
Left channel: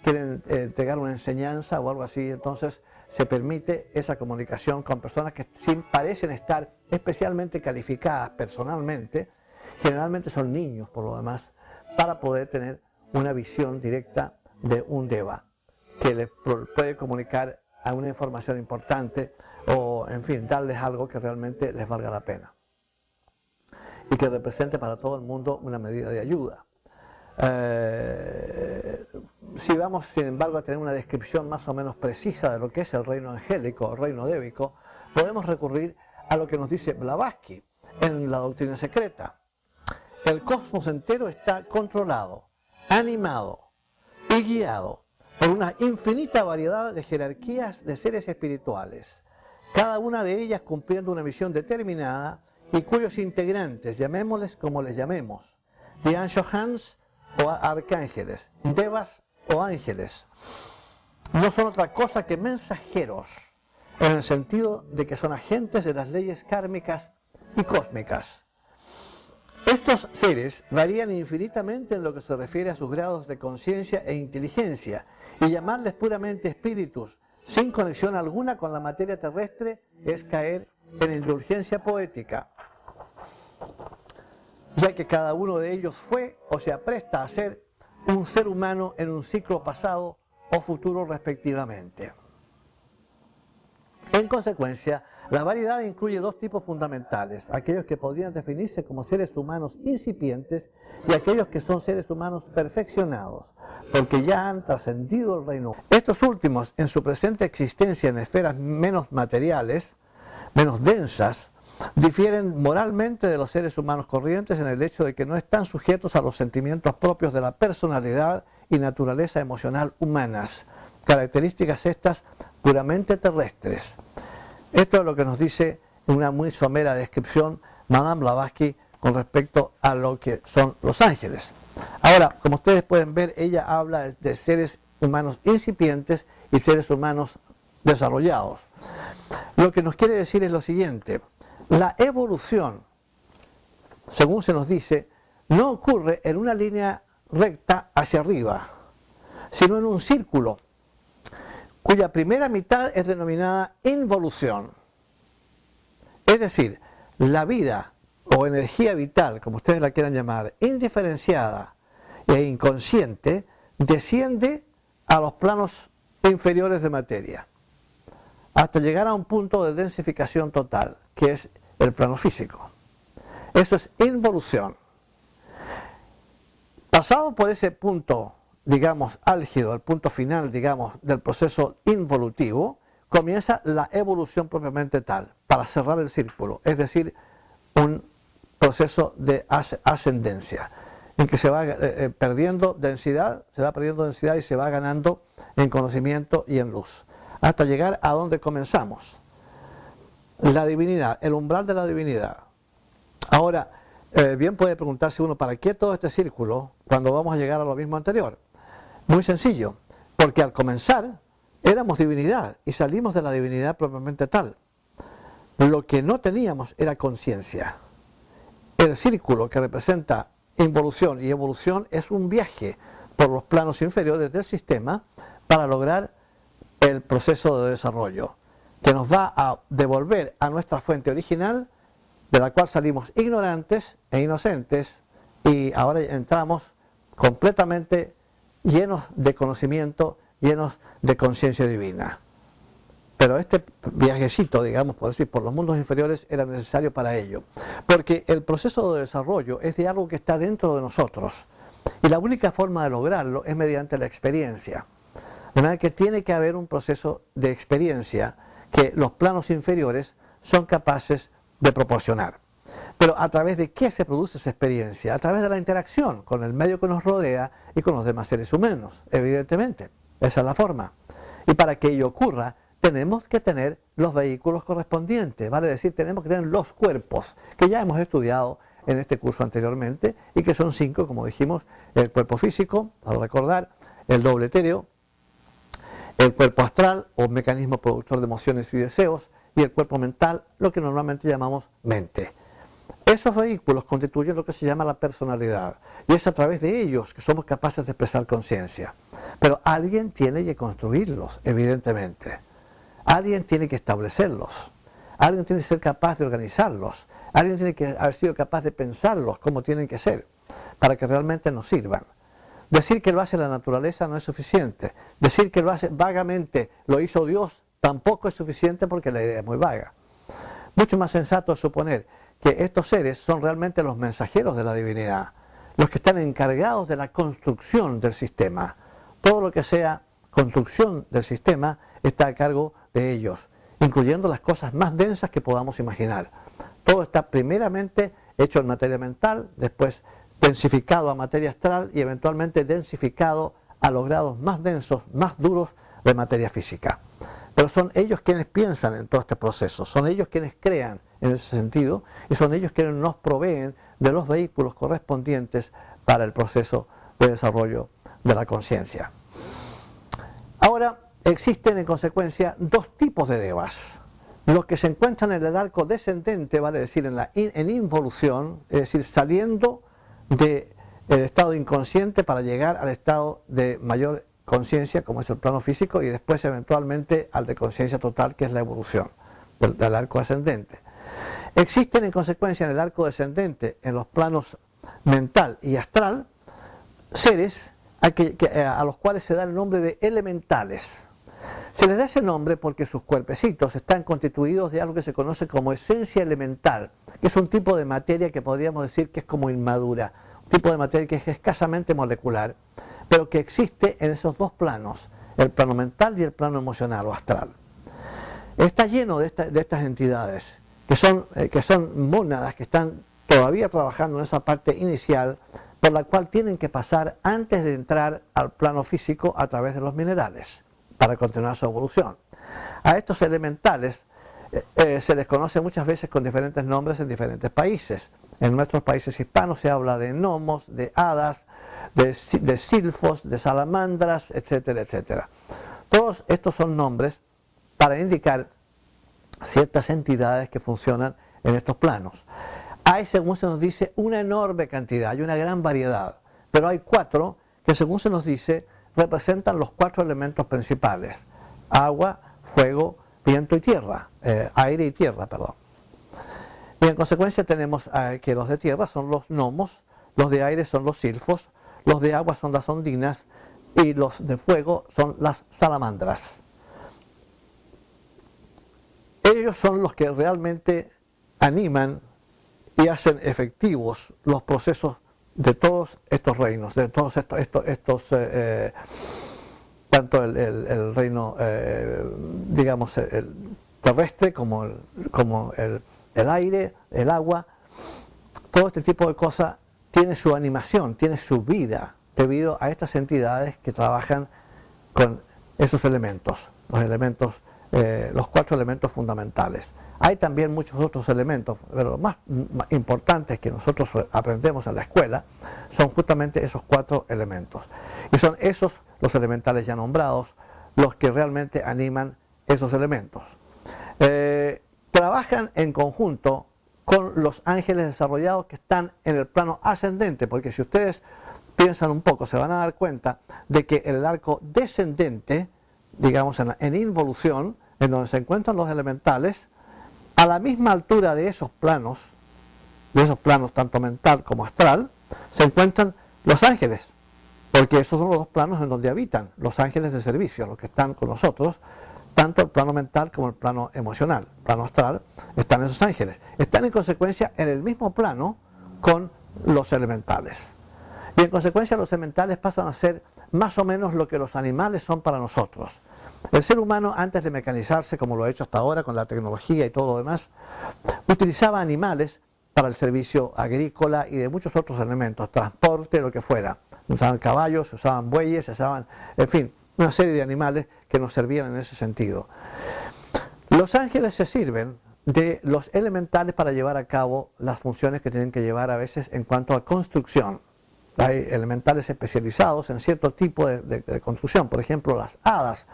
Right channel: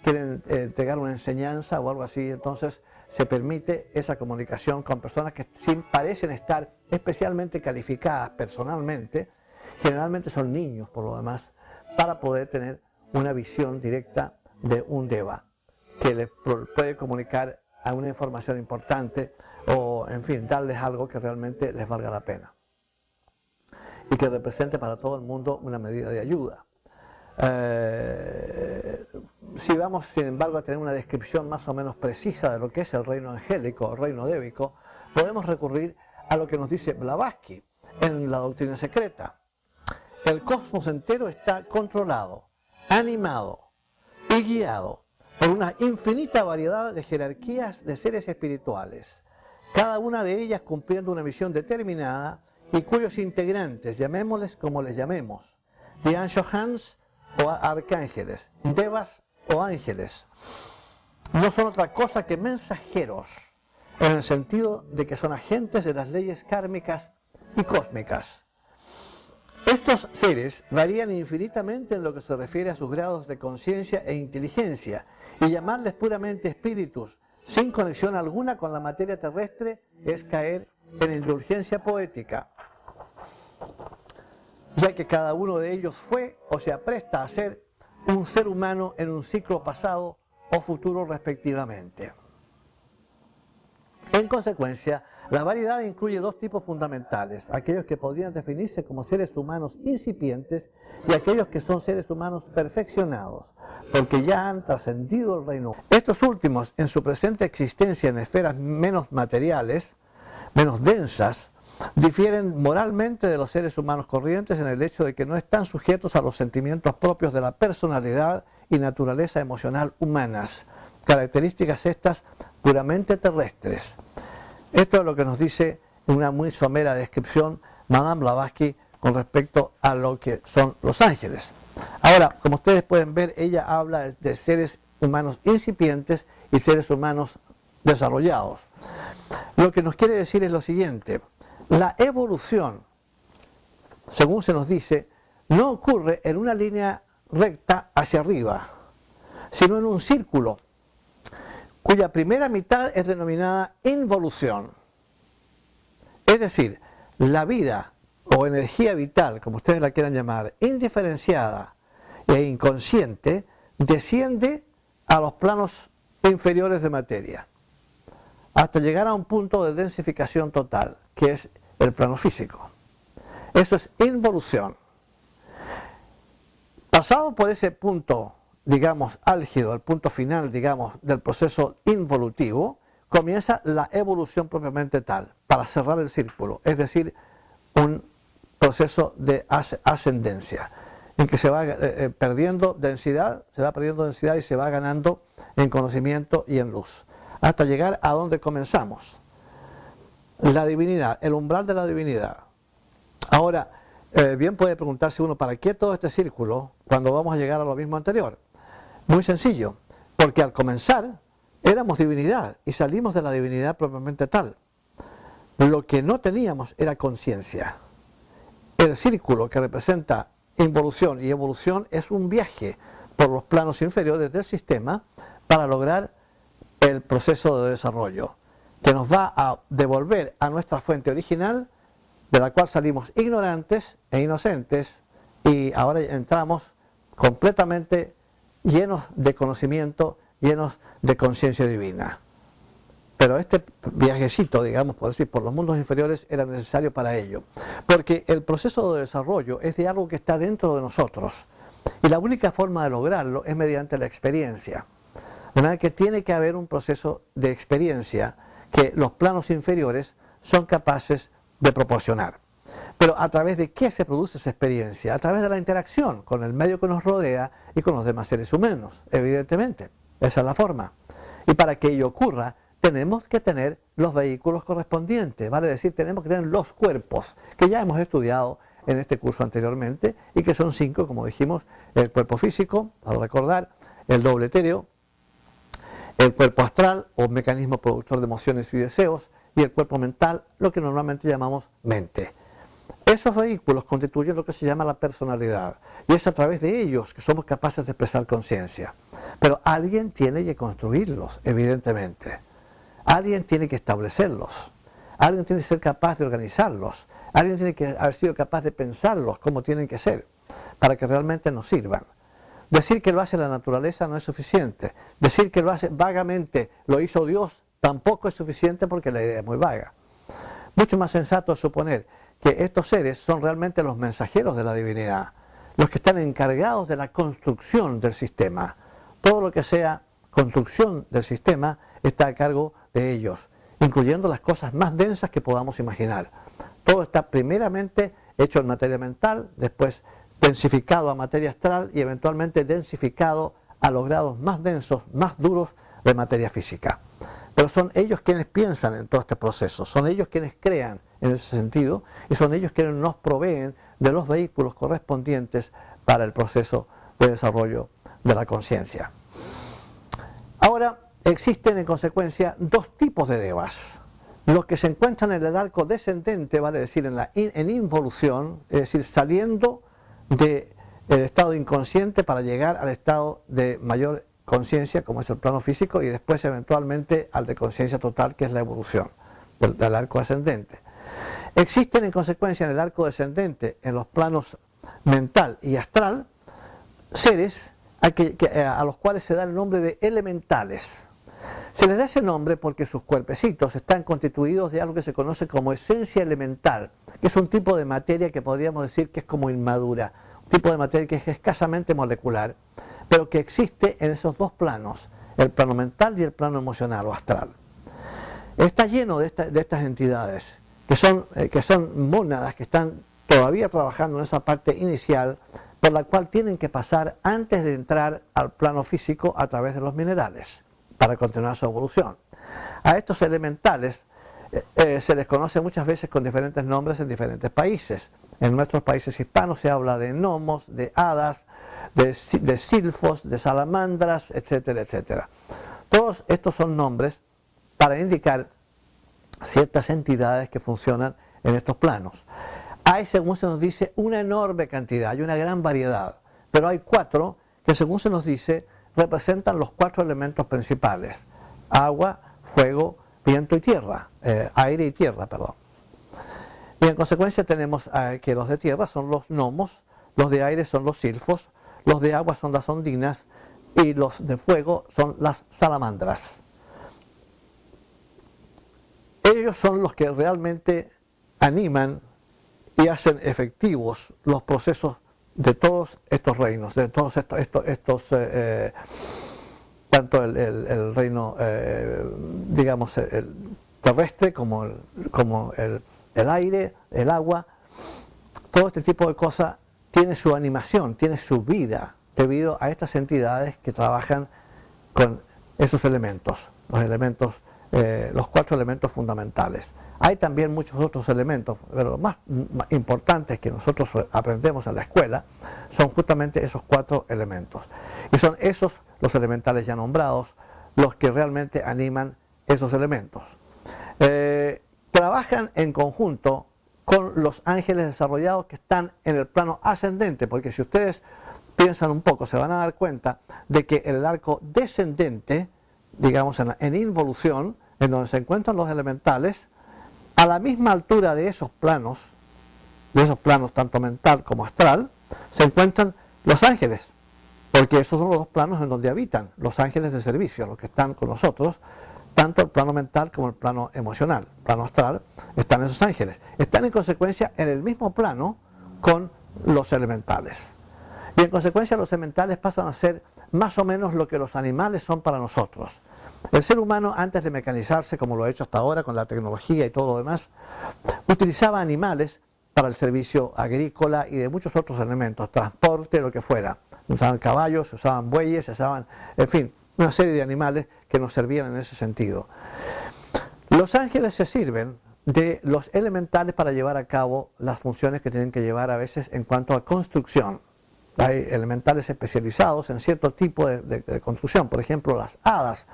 quieren entregar una enseñanza o algo así, entonces se permite esa comunicación con personas que sí parecen estar especialmente calificadas personalmente, generalmente son niños por lo demás, para poder tener una visión directa de un deva, que les puede comunicar a una información importante o, en fin, darles algo que realmente les valga la pena y que represente para todo el mundo una medida de ayuda. Si vamos, sin embargo, a tener una descripción más o menos precisa de lo que es el reino angélico o reino débico, podemos recurrir a lo que nos dice Blavatsky en la Doctrina Secreta. El cosmos entero está controlado, animado y guiado por una infinita variedad de jerarquías de seres espirituales, cada una de ellas cumpliendo una misión determinada y cuyos integrantes, llamémosles como les llamemos, Anshohans o arcángeles, devas o ángeles, no son otra cosa que mensajeros, en el sentido de que son agentes de las leyes kármicas y cósmicas. Estos seres varían infinitamente en lo que se refiere a sus grados de conciencia e inteligencia, y llamarles puramente espíritus, sin conexión alguna con la materia terrestre, es caer en indulgencia poética, ya que cada uno de ellos fue o se apresta a ser un ser humano en un ciclo pasado o futuro respectivamente. En consecuencia, la variedad incluye dos tipos fundamentales, aquellos que podrían definirse como seres humanos incipientes y aquellos que son seres humanos perfeccionados, porque ya han trascendido el reino. Estos últimos, en su presente existencia en esferas menos materiales, menos densas, difieren moralmente de los seres humanos corrientes en el hecho de que no están sujetos a los sentimientos propios de la personalidad y naturaleza emocional humanas, características estas puramente terrestres. Esto es lo que nos dice una muy somera descripción Madame Blavatsky con respecto a lo que son los ángeles. Ahora, como ustedes pueden ver, ella habla de seres humanos incipientes y seres humanos desarrollados. Lo que nos quiere decir es lo siguiente: la evolución, según se nos dice, no ocurre en una línea recta hacia arriba, sino en un círculo, cuya primera mitad es denominada involución. Es decir, la vida o energía vital, como ustedes la quieran llamar, indiferenciada e inconsciente, desciende a los planos inferiores de materia, hasta llegar a un punto de densificación total, que es el plano físico. Eso es involución. Pasado por ese punto, digamos, álgido, el punto final, digamos, del proceso involutivo, comienza la evolución propiamente tal, para cerrar el círculo, es decir, un proceso de ascendencia, en que se va perdiendo densidad, y se va ganando en conocimiento y en luz, hasta llegar a donde comenzamos, la divinidad, el umbral de la divinidad. Ahora, bien puede preguntarse uno, ¿para qué todo este círculo cuando vamos a llegar a lo mismo anterior? Muy sencillo, porque al comenzar éramos divinidad y salimos de la divinidad propiamente tal. Lo que no teníamos era conciencia. El círculo que representa involución y evolución es un viaje por los planos inferiores del sistema para lograr el proceso de desarrollo, que nos va a devolver a nuestra fuente original, de la cual salimos ignorantes e inocentes, y ahora entramos completamente llenos de conocimiento, llenos de conciencia divina. Pero este viajecito, digamos, por decir, por los mundos inferiores era necesario para ello, porque el proceso de desarrollo es de algo que está dentro de nosotros, y la única forma de lograrlo es mediante la experiencia. De manera que tiene que haber un proceso de experiencia que los planos inferiores son capaces de proporcionar. Pero ¿a través de qué se produce esa experiencia? A través de la interacción con el medio que nos rodea y con los demás seres humanos, evidentemente. Esa es la forma. Y para que ello ocurra, tenemos que tener los vehículos correspondientes, vale decir, tenemos que tener los cuerpos, que ya hemos estudiado en este curso anteriormente, y que son 5, como dijimos: el cuerpo físico, para recordar, el doble etéreo, el cuerpo astral o mecanismo productor de emociones y deseos, y el cuerpo mental, lo que normalmente llamamos mente. Esos vehículos constituyen lo que se llama la personalidad, y es a través de ellos que somos capaces de expresar conciencia. Pero alguien tiene que construirlos, evidentemente. Alguien tiene que establecerlos. Alguien tiene que ser capaz de organizarlos. Alguien tiene que haber sido capaz de pensarlos como tienen que ser, para que realmente nos sirvan. Decir que lo hace la naturaleza no es suficiente. Decir que lo hace vagamente, lo hizo Dios, tampoco es suficiente porque la idea es muy vaga. Mucho más sensato es suponer que estos seres son realmente los mensajeros de la divinidad, los que están encargados de la construcción del sistema. Todo lo que sea construcción del sistema está a cargo de ellos, incluyendo las cosas más densas que podamos imaginar. Todo está primeramente hecho en materia mental, después densificado a materia astral y eventualmente densificado a los grados más densos, más duros de materia física. Pero son ellos quienes piensan en todo este proceso, son ellos quienes crean en ese sentido y son ellos quienes nos proveen de los vehículos correspondientes para el proceso de desarrollo de la conciencia. Ahora, existen en consecuencia dos tipos de devas. Los que se encuentran en el arco descendente, vale decir, en involución, es decir, saliendo del estado inconsciente para llegar al estado de mayor conciencia, como es el plano físico, y después eventualmente al de conciencia total, que es la evolución del arco ascendente. Existen en consecuencia en el arco descendente, en los planos mental y astral, seres a los cuales se da el nombre de elementales. Se les da ese nombre porque sus cuerpecitos están constituidos de algo que se conoce como esencia elemental, que es un tipo de materia que podríamos decir que es como inmadura, un tipo de materia que es escasamente molecular, pero que existe en esos dos planos, el plano mental y el plano emocional o astral. Está lleno de estas entidades, que son mónadas que están todavía trabajando en esa parte inicial, por la cual tienen que pasar antes de entrar al plano físico a través de los minerales, para continuar su evolución. A estos elementales se les conoce muchas veces con diferentes nombres en diferentes países. En nuestros países hispanos se habla de gnomos, de hadas, de silfos, de salamandras, etcétera, etcétera. Todos estos son nombres para indicar ciertas entidades que funcionan en estos planos. Hay, según se nos dice, una enorme cantidad, hay una gran variedad, pero hay 4 que, según se nos dice, representan los 4 elementos principales: agua, fuego, viento y tierra, aire y tierra, perdón. Y en consecuencia tenemos que los de tierra son los gnomos, los de aire son los silfos, los de agua son las ondinas y los de fuego son las salamandras. Ellos son los que realmente animan y hacen efectivos los procesos de todos estos reinos, de todos estos tanto el reino, digamos, el terrestre como el aire, el agua. Todo este tipo de cosas tiene su animación, tiene su vida, debido a estas entidades que trabajan con esos elementos, los 4 elementos fundamentales. Hay también muchos otros elementos, pero los más importantes que nosotros aprendemos en la escuela son justamente esos 4 elementos. Y son esos, los elementales ya nombrados, los que realmente animan esos elementos. Trabajan en conjunto con los ángeles desarrollados que están en el plano ascendente, porque si ustedes piensan un poco, se van a dar cuenta de que en el arco descendente, digamos en involución, en donde se encuentran los elementales, a la misma altura de esos planos tanto mental como astral, se encuentran los ángeles, porque esos son los 2 planos en donde habitan los ángeles de servicio, los que están con nosotros, tanto el plano mental como el plano emocional, el plano astral, están esos ángeles. Están en consecuencia en el mismo plano con los elementales. Y en consecuencia los elementales pasan a ser más o menos lo que los animales son para nosotros. El ser humano, antes de mecanizarse, como lo ha hecho hasta ahora con la tecnología y todo lo demás, utilizaba animales para el servicio agrícola y de muchos otros elementos, transporte, lo que fuera. Usaban caballos, usaban bueyes, usaban, en fin, una serie de animales que nos servían en ese sentido. Los ángeles se sirven de los elementales para llevar a cabo las funciones que tienen que llevar a veces en cuanto a construcción. Hay elementales especializados en cierto tipo de construcción, por ejemplo las hadas,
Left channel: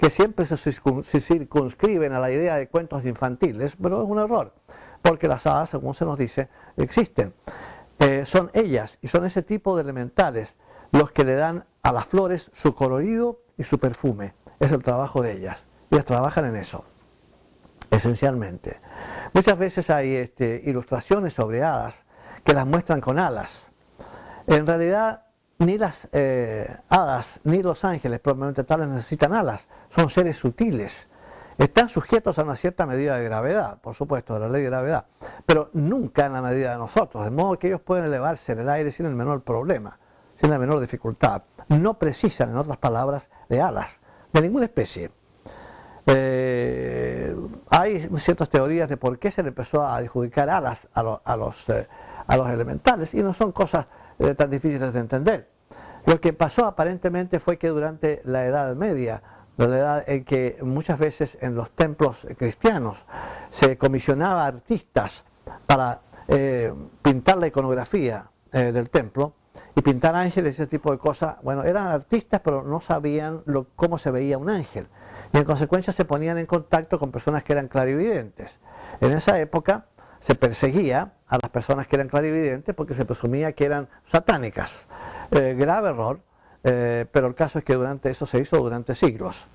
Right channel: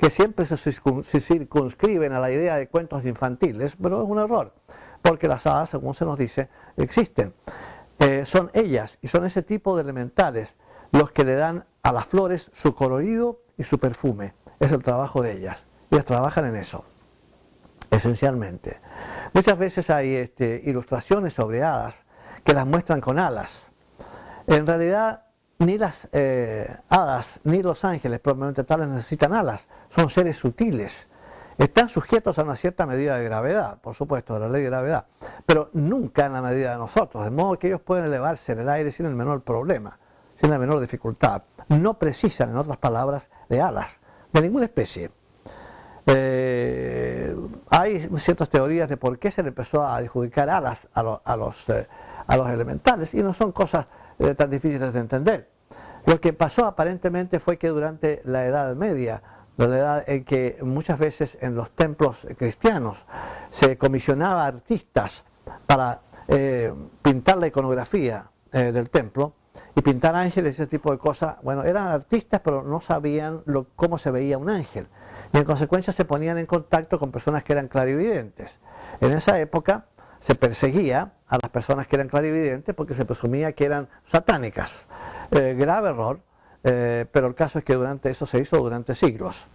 que siempre se circunscriben a la idea de cuentos infantiles, pero es un error, porque las hadas, según se nos dice, existen. Son ellas y son ese tipo de elementales los que le dan a las flores su colorido y su perfume. Es el trabajo de ellas. Ellas trabajan en eso, esencialmente. Muchas veces hay ilustraciones sobre hadas que las muestran con alas. En realidad, ni las hadas ni los ángeles probablemente tales necesitan alas. Son seres sutiles. Están sujetos a una cierta medida de gravedad, por supuesto, de la ley de gravedad, pero nunca en la medida de nosotros, de modo que ellos pueden elevarse en el aire sin el menor problema, sin la menor dificultad. No precisan, en otras palabras, de alas, de ninguna especie. Hay ciertas teorías de por qué se le empezó a adjudicar alas a los elementales, y no son cosas tan difíciles de entender. Lo que pasó aparentemente fue que durante la Edad Media, la edad en que muchas veces en los templos cristianos se comisionaba a artistas para pintar la iconografía del templo y pintar ángeles y ese tipo de cosas. Bueno, eran artistas pero no sabían cómo se veía un ángel y en consecuencia se ponían en contacto con personas que eran clarividentes. En esa época se perseguía a las personas que eran clarividentes porque se presumía que eran satánicas. Grave error. Pero el caso es que eso se hizo durante siglos.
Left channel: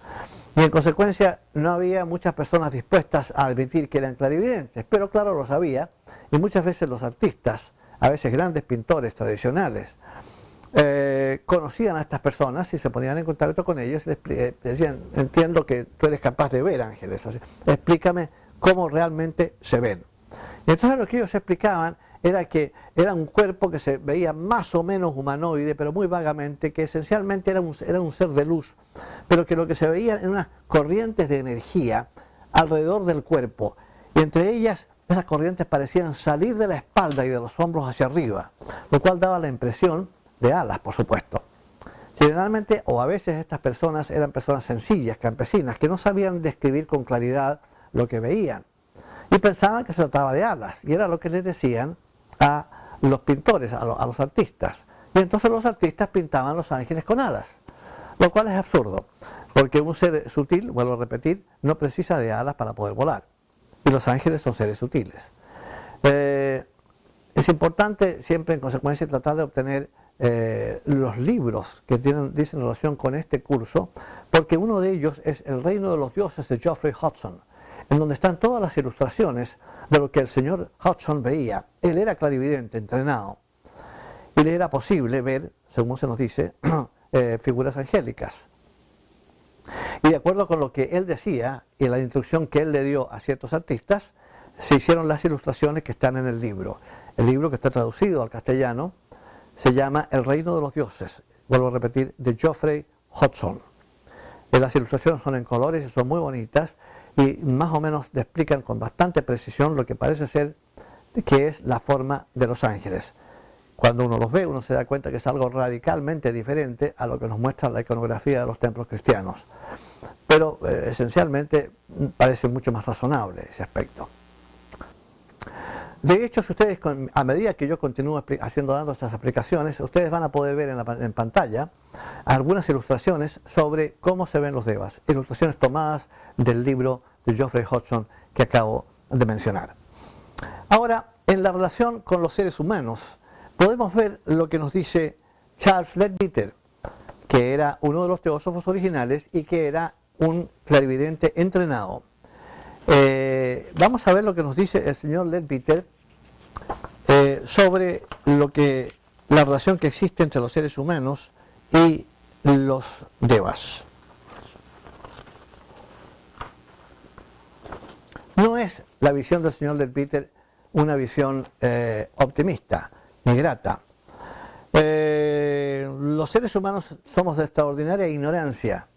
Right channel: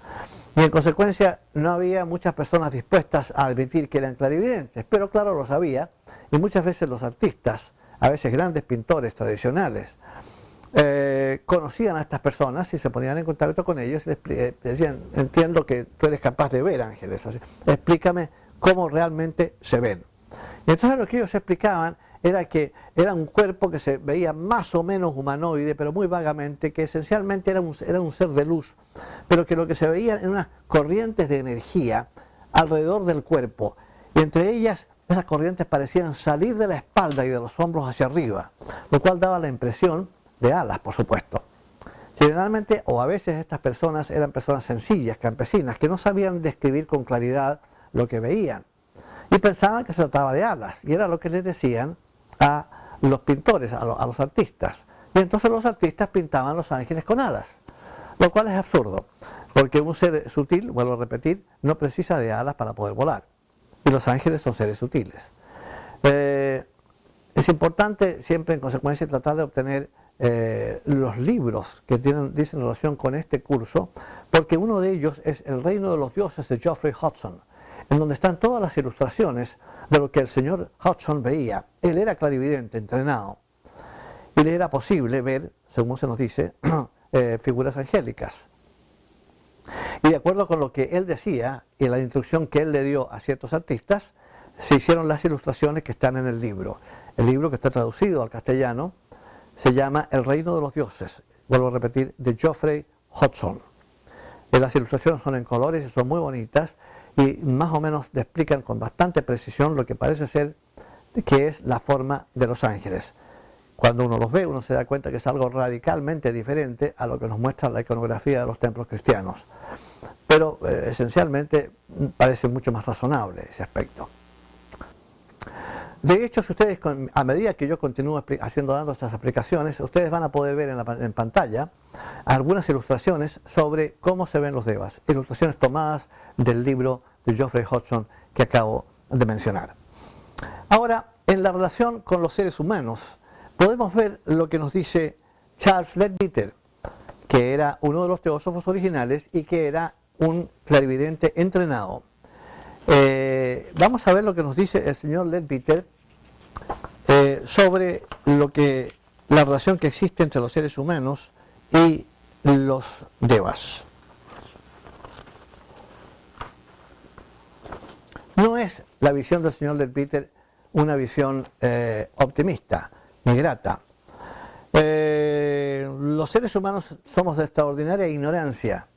Y en consecuencia no había muchas personas dispuestas a admitir que eran clarividentes, pero claro, los había, y muchas veces los artistas, a veces grandes pintores tradicionales, conocían a estas personas y se ponían en contacto con ellos y les decían, entiendo que tú eres capaz de ver ángeles, así, explícame cómo realmente se ven. Y entonces lo que ellos explicaban era que era un cuerpo que se veía más o menos humanoide, pero muy vagamente, que esencialmente era un ser de luz, pero que lo que se veía eran unas corrientes de energía alrededor del cuerpo, y entre ellas esas corrientes parecían salir de la espalda y de los hombros hacia arriba, lo cual daba la impresión de alas, por supuesto. Generalmente, o a veces estas personas eran personas sencillas, campesinas, que no sabían describir con claridad lo que veían, y pensaban que se trataba de alas, y era lo que les decían a los pintores, a los artistas. Y entonces los artistas pintaban los ángeles con alas, lo cual es absurdo, porque un ser sutil, vuelvo a repetir, no precisa de alas para poder volar, y los ángeles son seres sutiles. Es importante siempre en consecuencia tratar de obtener los libros que dicen relación con este curso, porque uno de ellos es El reino de los dioses de Geoffrey Hodgson, en donde están todas las ilustraciones de lo que el señor Hodgson veía. Él era clarividente, entrenado, y le era posible ver, según se nos dice, figuras angélicas. Y de acuerdo con lo que él decía y la instrucción que él le dio a ciertos artistas, se hicieron las ilustraciones que están en el libro. El libro, que está traducido al castellano, se llama El reino de los dioses, vuelvo a repetir, de Geoffrey Hodgson. Las ilustraciones son en colores y son muy bonitas, y más o menos le explican con bastante precisión lo que parece ser que es la forma de los ángeles. Cuando uno los ve, uno se da cuenta que es algo radicalmente diferente a lo que nos muestra la iconografía de los templos cristianos. Pero esencialmente parece mucho más razonable ese aspecto. De hecho, si ustedes, a medida que yo continúo dando estas explicaciones, ustedes van a poder ver en pantalla algunas ilustraciones sobre cómo se ven los devas, ilustraciones tomadas del libro de Geoffrey Hodgson que acabo de mencionar. Ahora, en la relación con los seres humanos, podemos ver lo que nos dice Charles Leadbeater, que era uno de los teósofos originales y que era un clarividente entrenado. Vamos a ver lo que nos dice el señor Leadbeater sobre la relación que existe entre los seres humanos y los devas. No es la visión del señor Leadbeater una visión optimista ni grata. Los seres humanos somos de extraordinaria ignorancia.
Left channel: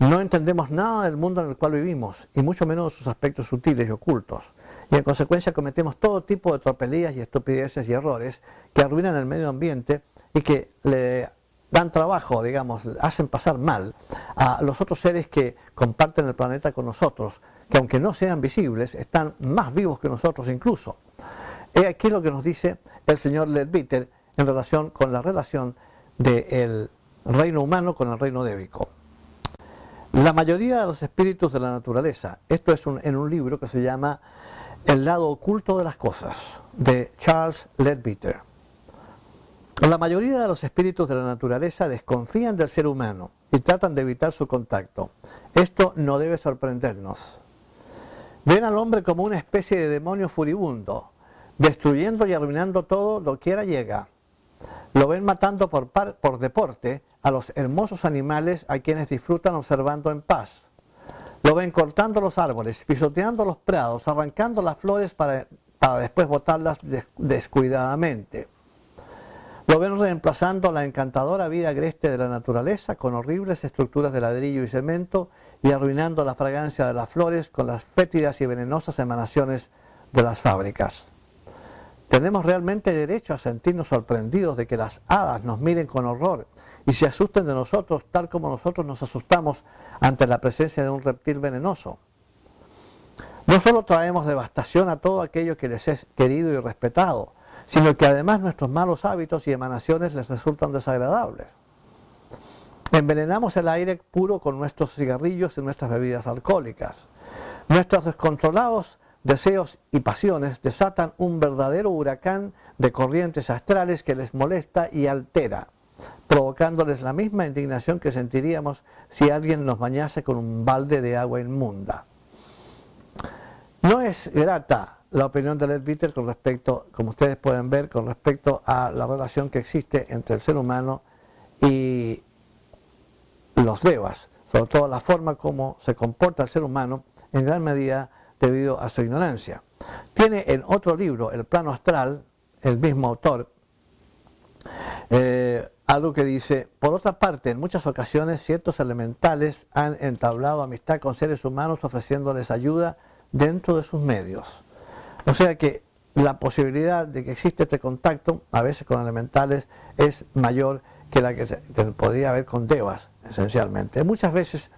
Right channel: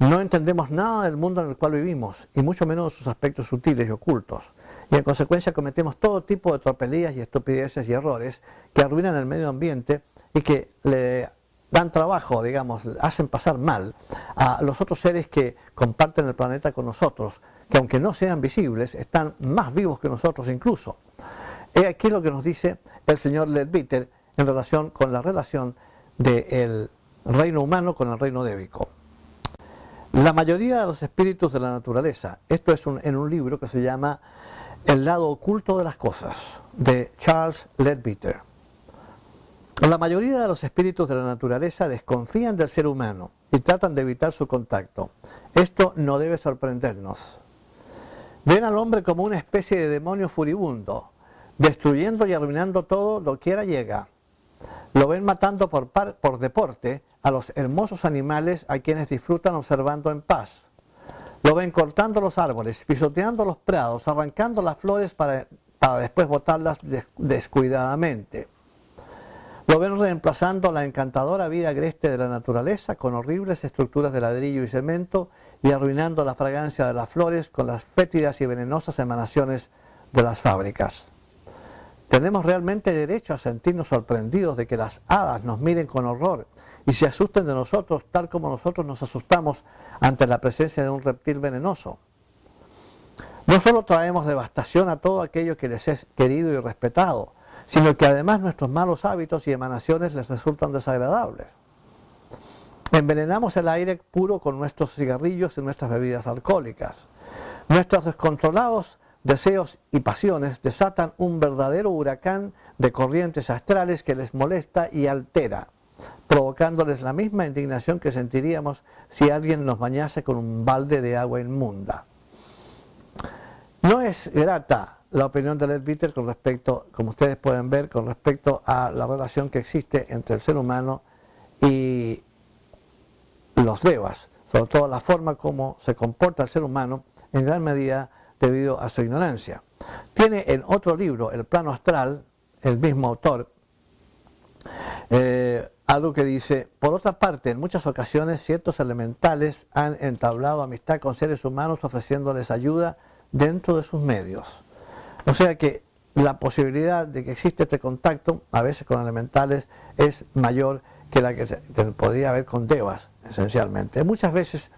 No entendemos nada del mundo en el cual vivimos, y mucho menos sus aspectos sutiles y ocultos. Y en consecuencia cometemos todo tipo de tropelías y estupideces y errores que arruinan el medio ambiente y que le dan trabajo, digamos, hacen pasar mal a los otros seres que comparten el planeta con nosotros, que aunque no sean visibles, están más vivos que nosotros incluso. He aquí lo que nos dice el señor Leadbeater en relación con la relación del reino humano con el reino débico. La mayoría de los espíritus de la naturaleza, esto es en un libro que se llama El lado oculto de las cosas, de Charles Leadbeater. La mayoría de los espíritus de la naturaleza desconfían del ser humano y tratan de evitar su contacto. Esto no debe sorprendernos. Ven al hombre como una especie de demonio furibundo, destruyendo y arruinando todo lo quiera llega. Lo ven matando por deporte a los hermosos animales a quienes disfrutan observando en paz. Lo ven cortando los árboles, pisoteando los prados, arrancando las flores para después botarlas descuidadamente. Lo ven reemplazando la encantadora vida agreste de la naturaleza con horribles estructuras de ladrillo y cemento y arruinando la fragancia de las flores con las fétidas y venenosas emanaciones de las fábricas. ¿Tenemos realmente derecho a sentirnos sorprendidos de que las hadas nos miren con horror y se asusten de nosotros tal como nosotros nos asustamos ante la presencia de un reptil venenoso? No solo traemos devastación a todo aquello que les es querido y respetado, sino que además nuestros malos hábitos y emanaciones les resultan desagradables. Envenenamos el aire puro con nuestros cigarrillos y nuestras bebidas alcohólicas. Nuestros descontrolados deseos y pasiones desatan un verdadero huracán de corrientes astrales que les molesta y altera, provocándoles la misma indignación que sentiríamos si alguien nos bañase con un balde de agua inmunda. No es grata la opinión de Leadbeater con respecto, como ustedes pueden ver, con respecto a la relación que existe entre el ser humano y los devas, sobre todo la forma como se comporta el ser humano en gran medida debido a su ignorancia. Tiene en otro libro, El plano astral, el mismo autor, algo que dice: por otra parte, en muchas ocasiones ciertos elementales han entablado amistad con seres humanos ofreciéndoles ayuda dentro de sus medios. O sea que la posibilidad de que existe este contacto, a veces con elementales, es mayor que la que podría haber con devas, esencialmente. Muchas veces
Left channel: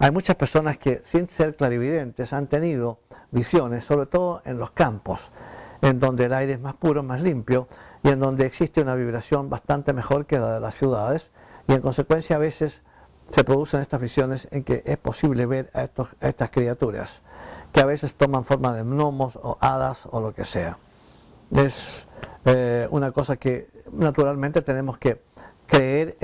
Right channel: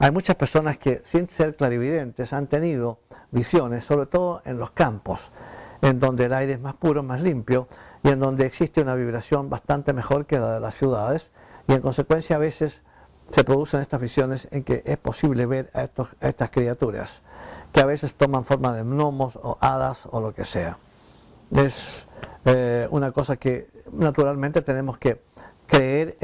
hay muchas personas que, sin ser clarividentes, han tenido visiones, sobre todo en los campos, en donde el aire es más puro, más limpio, y en donde existe una vibración bastante mejor que la de las ciudades, y en consecuencia a veces se producen estas visiones en que es posible ver a estas criaturas, que a veces toman forma de gnomos o hadas o lo que sea. Es una cosa que naturalmente tenemos que creer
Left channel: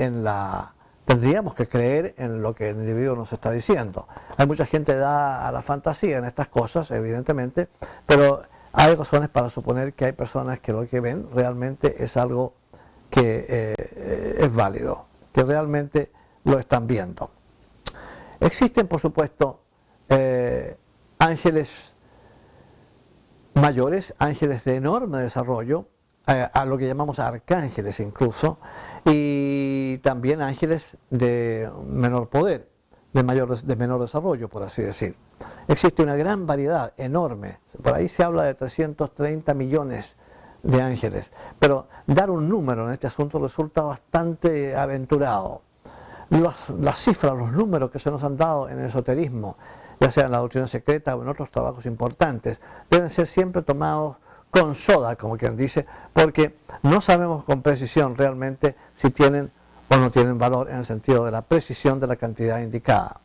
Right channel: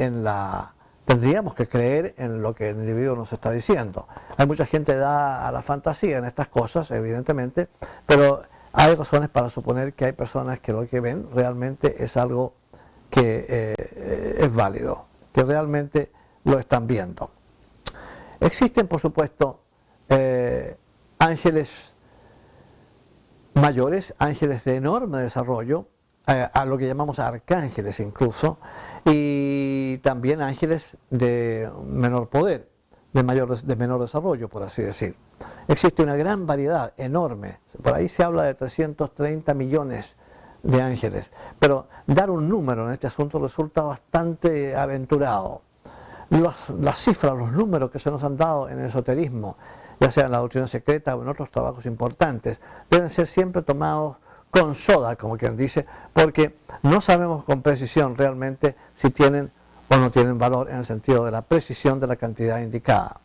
tendríamos que creer en lo que el individuo nos está diciendo. Hay mucha gente da a la fantasía en estas cosas, evidentemente, pero hay razones para suponer que hay personas que lo que ven realmente es algo que es válido, que realmente lo están viendo. Existen, por supuesto, ángeles mayores, ángeles de enorme desarrollo, a lo que llamamos arcángeles incluso, y también ángeles de menor poder, de menor desarrollo, por así decir. Existe una gran variedad, enorme, por ahí se habla de 330 millones de ángeles, pero dar un número en este asunto resulta bastante aventurado. Las cifras, los números que se nos han dado en el esoterismo, ya sea en la doctrina secreta o en otros trabajos importantes, deben ser siempre tomados con soda, como quien dice, porque no sabemos con precisión realmente si tienen o no tienen valor en el sentido de la precisión de la cantidad indicada.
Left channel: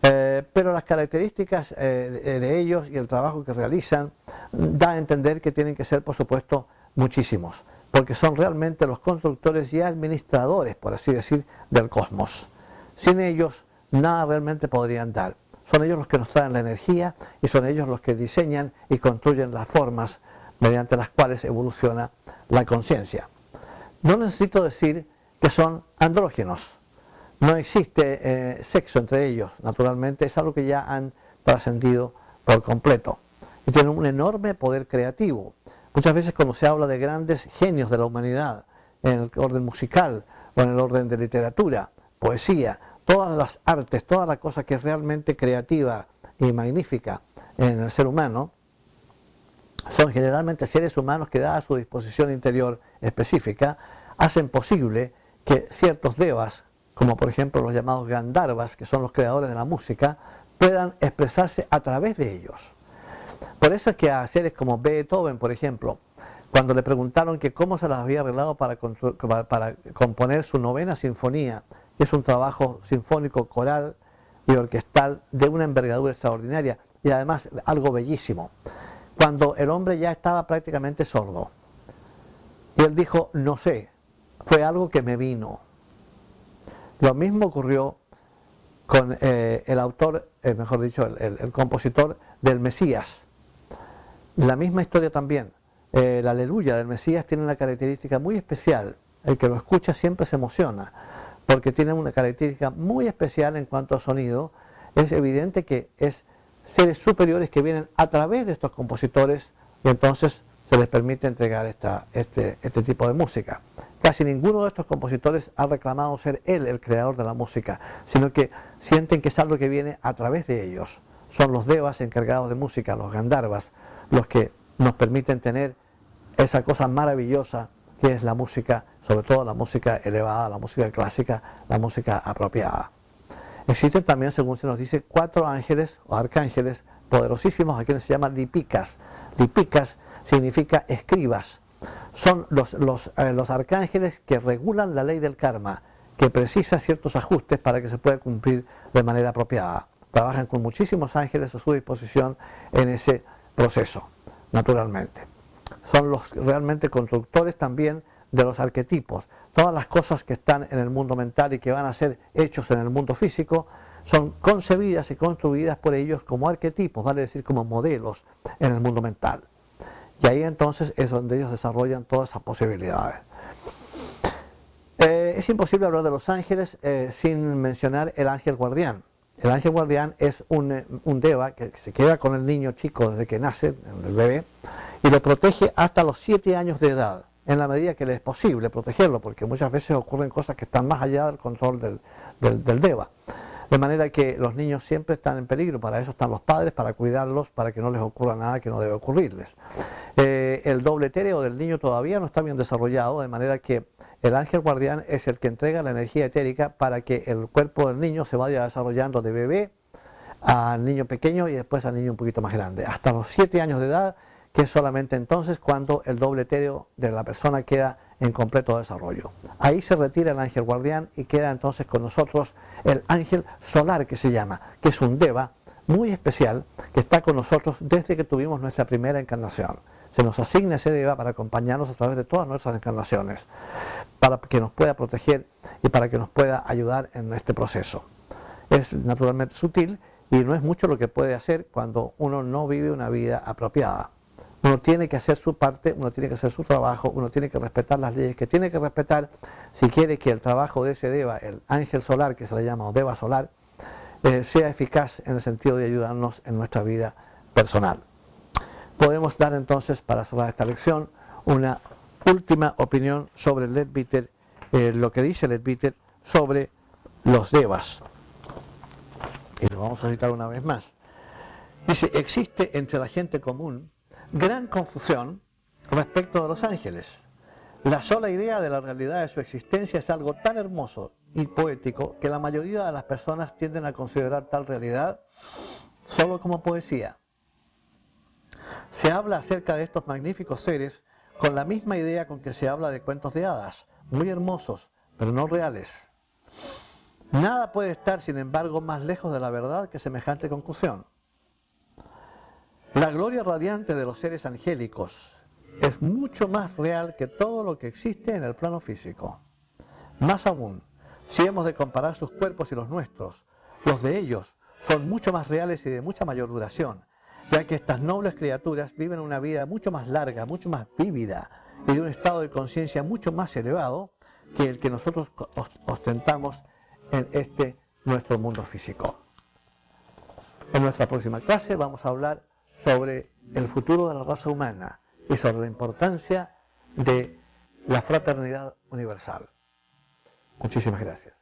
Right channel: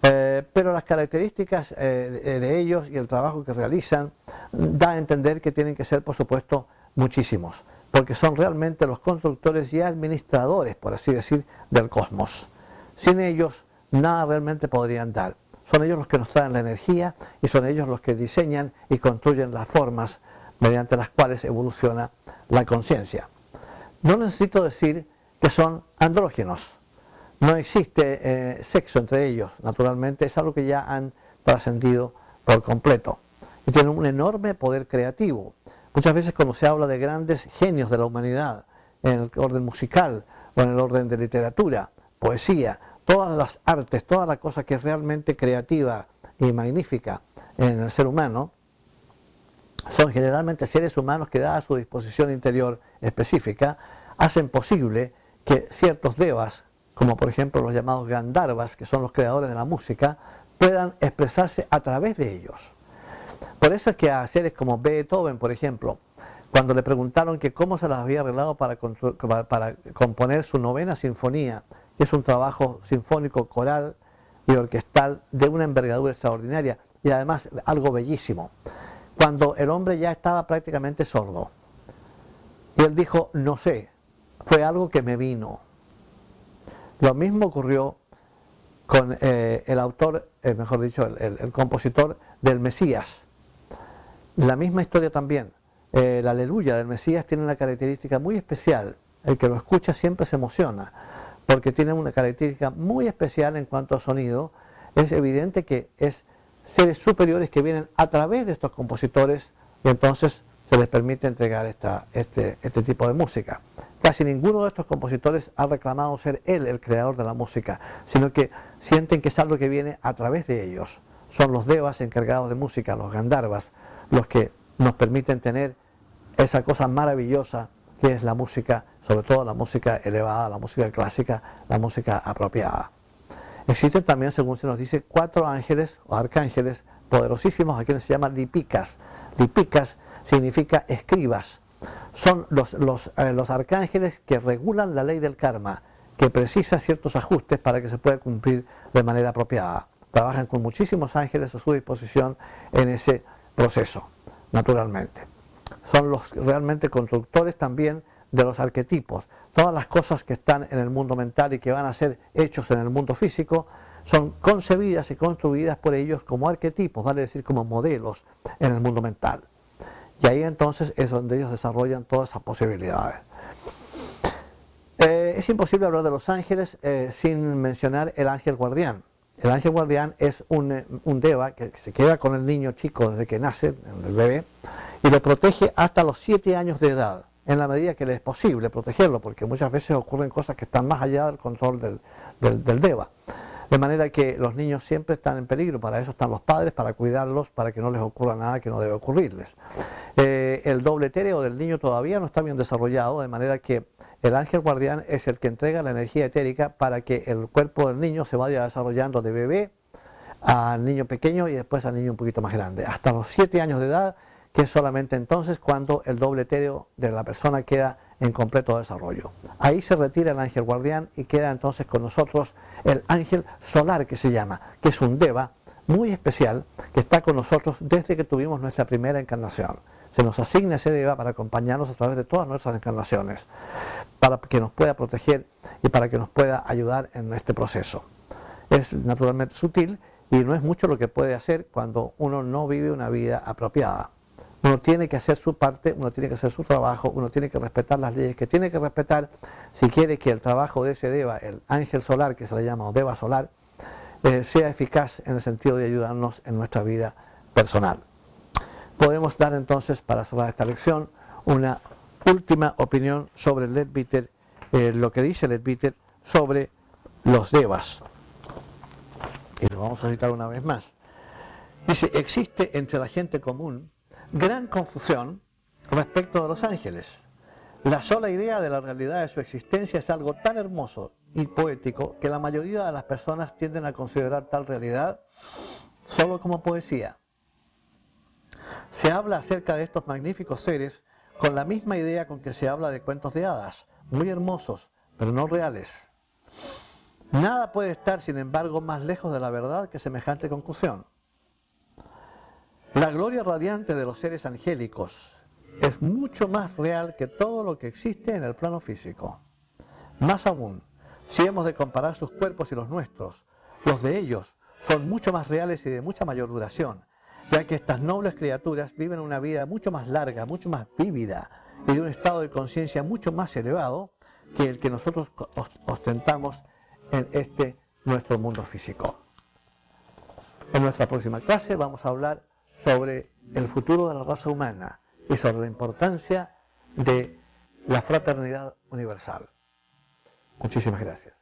Pero las características de ellos y el trabajo que realizan da a entender que tienen que ser, por supuesto, muchísimos, porque son realmente los constructores y administradores, por así decir, del cosmos. Sin ellos, nada realmente podrían dar. Son ellos los que nos traen la energía y son ellos los que diseñan y construyen las formas mediante las cuales evoluciona la conciencia. No necesito decir que son andrógenos. No existe sexo entre ellos, naturalmente, es algo que ya han trascendido por completo. Y tienen un enorme poder creativo. Muchas veces cuando se habla de grandes genios de la humanidad, en el orden musical o en el orden de literatura, poesía, todas las artes, toda la cosa que es realmente creativa y magnífica en el ser humano, son generalmente seres humanos que, dada su disposición interior específica, hacen posible que ciertos devas, como por ejemplo los llamados Gandharvas, que son los creadores de la música, puedan expresarse a través de ellos. Por eso es que a seres como Beethoven, por ejemplo, cuando le preguntaron que cómo se las había arreglado para componer su novena sinfonía, que es un trabajo sinfónico coral y orquestal de una envergadura extraordinaria y además algo bellísimo. Cuando el hombre ya estaba prácticamente sordo y él dijo, no sé, fue algo que me vino. Lo mismo ocurrió con el autor, mejor dicho, el compositor del Mesías. La misma historia también. La aleluya del Mesías tiene una característica muy especial. El que lo escucha siempre se emociona, porque tiene una característica muy especial en cuanto a sonido. Es evidente que es seres superiores que vienen a través de estos compositores y entonces se les permite entregar este tipo de música. Casi ninguno de estos compositores ha reclamado ser él el creador de la música, sino que sienten que es algo que viene a través de ellos. Son los devas encargados de música, los gandharvas, los que nos permiten tener esa cosa maravillosa que es la música, sobre todo la música elevada, la música clásica, la música apropiada. Existen también, según se nos dice, 4 ángeles o arcángeles poderosísimos, a quienes se llaman lipikas. Lipikas significa escribas. Son los arcángeles que regulan la ley del karma, que precisa ciertos ajustes para que se pueda cumplir de manera apropiada. Trabajan con muchísimos ángeles a su disposición en ese proceso, naturalmente. Son los realmente constructores también de los arquetipos. Todas las cosas que están en el mundo mental y que van a ser hechos en el mundo físico son concebidas y construidas por ellos como arquetipos, vale decir como modelos en el mundo mental. Y ahí entonces es donde ellos desarrollan todas esas posibilidades. Es imposible hablar de los ángeles sin mencionar el ángel guardián. El ángel guardián es un deva que se queda con el niño chico desde que nace, el bebé, y lo protege hasta los 7 años de edad, en la medida que le es posible protegerlo, porque muchas veces ocurren cosas que están más allá del control del deva. De manera que los niños siempre están en peligro, para eso están los padres, para cuidarlos, para que no les ocurra nada que no debe ocurrirles. El doble etéreo del niño todavía no está bien desarrollado, de manera que el ángel guardián es el que entrega la energía etérica para que el cuerpo del niño se vaya desarrollando de bebé al niño pequeño y después al niño un poquito más grande, hasta los 7 años de edad, que es solamente entonces cuando el doble etéreo de la persona queda en completo desarrollo. Ahí se retira el ángel guardián y queda entonces con nosotros el ángel solar, que se llama, que es un deva muy especial que está con nosotros desde que tuvimos nuestra primera encarnación. Se nos asigna ese deva para acompañarnos a través de todas nuestras encarnaciones, para que nos pueda proteger y para que nos pueda ayudar en este proceso. Es naturalmente sutil y no es mucho lo que puede hacer cuando uno no vive una vida apropiada. Uno tiene que hacer su parte, uno tiene que hacer su trabajo, uno tiene que respetar las leyes que tiene que respetar si quiere que el trabajo de ese deva, el ángel solar que se le llama o deva solar, sea eficaz en el sentido de ayudarnos en nuestra vida personal. Podemos dar entonces, para cerrar esta lección, una última opinión sobre Leadbeater, lo que dice Leadbeater sobre los devas. Y lo vamos a citar una vez más. Dice, existe entre la gente común gran confusión respecto de los ángeles. La sola idea de la realidad de su existencia es algo tan hermoso y poético que la mayoría de las personas tienden a considerar tal realidad solo como poesía. Se habla acerca de estos magníficos seres con la misma idea con que se habla de cuentos de hadas, muy hermosos, pero no reales. Nada puede estar, sin embargo, más lejos de la verdad que semejante conclusión. La gloria radiante de los seres angélicos es mucho más real que todo lo que existe en el plano físico. Más aún, si hemos de comparar sus cuerpos y los nuestros, los de ellos son mucho más reales y de mucha mayor duración, ya que estas nobles criaturas viven una vida mucho más larga, mucho más vívida y de un estado de conciencia mucho más elevado que el que nosotros ostentamos en este nuestro mundo físico. En nuestra próxima clase vamos a hablar sobre el futuro de la raza humana y sobre la importancia de la fraternidad universal. Muchísimas gracias.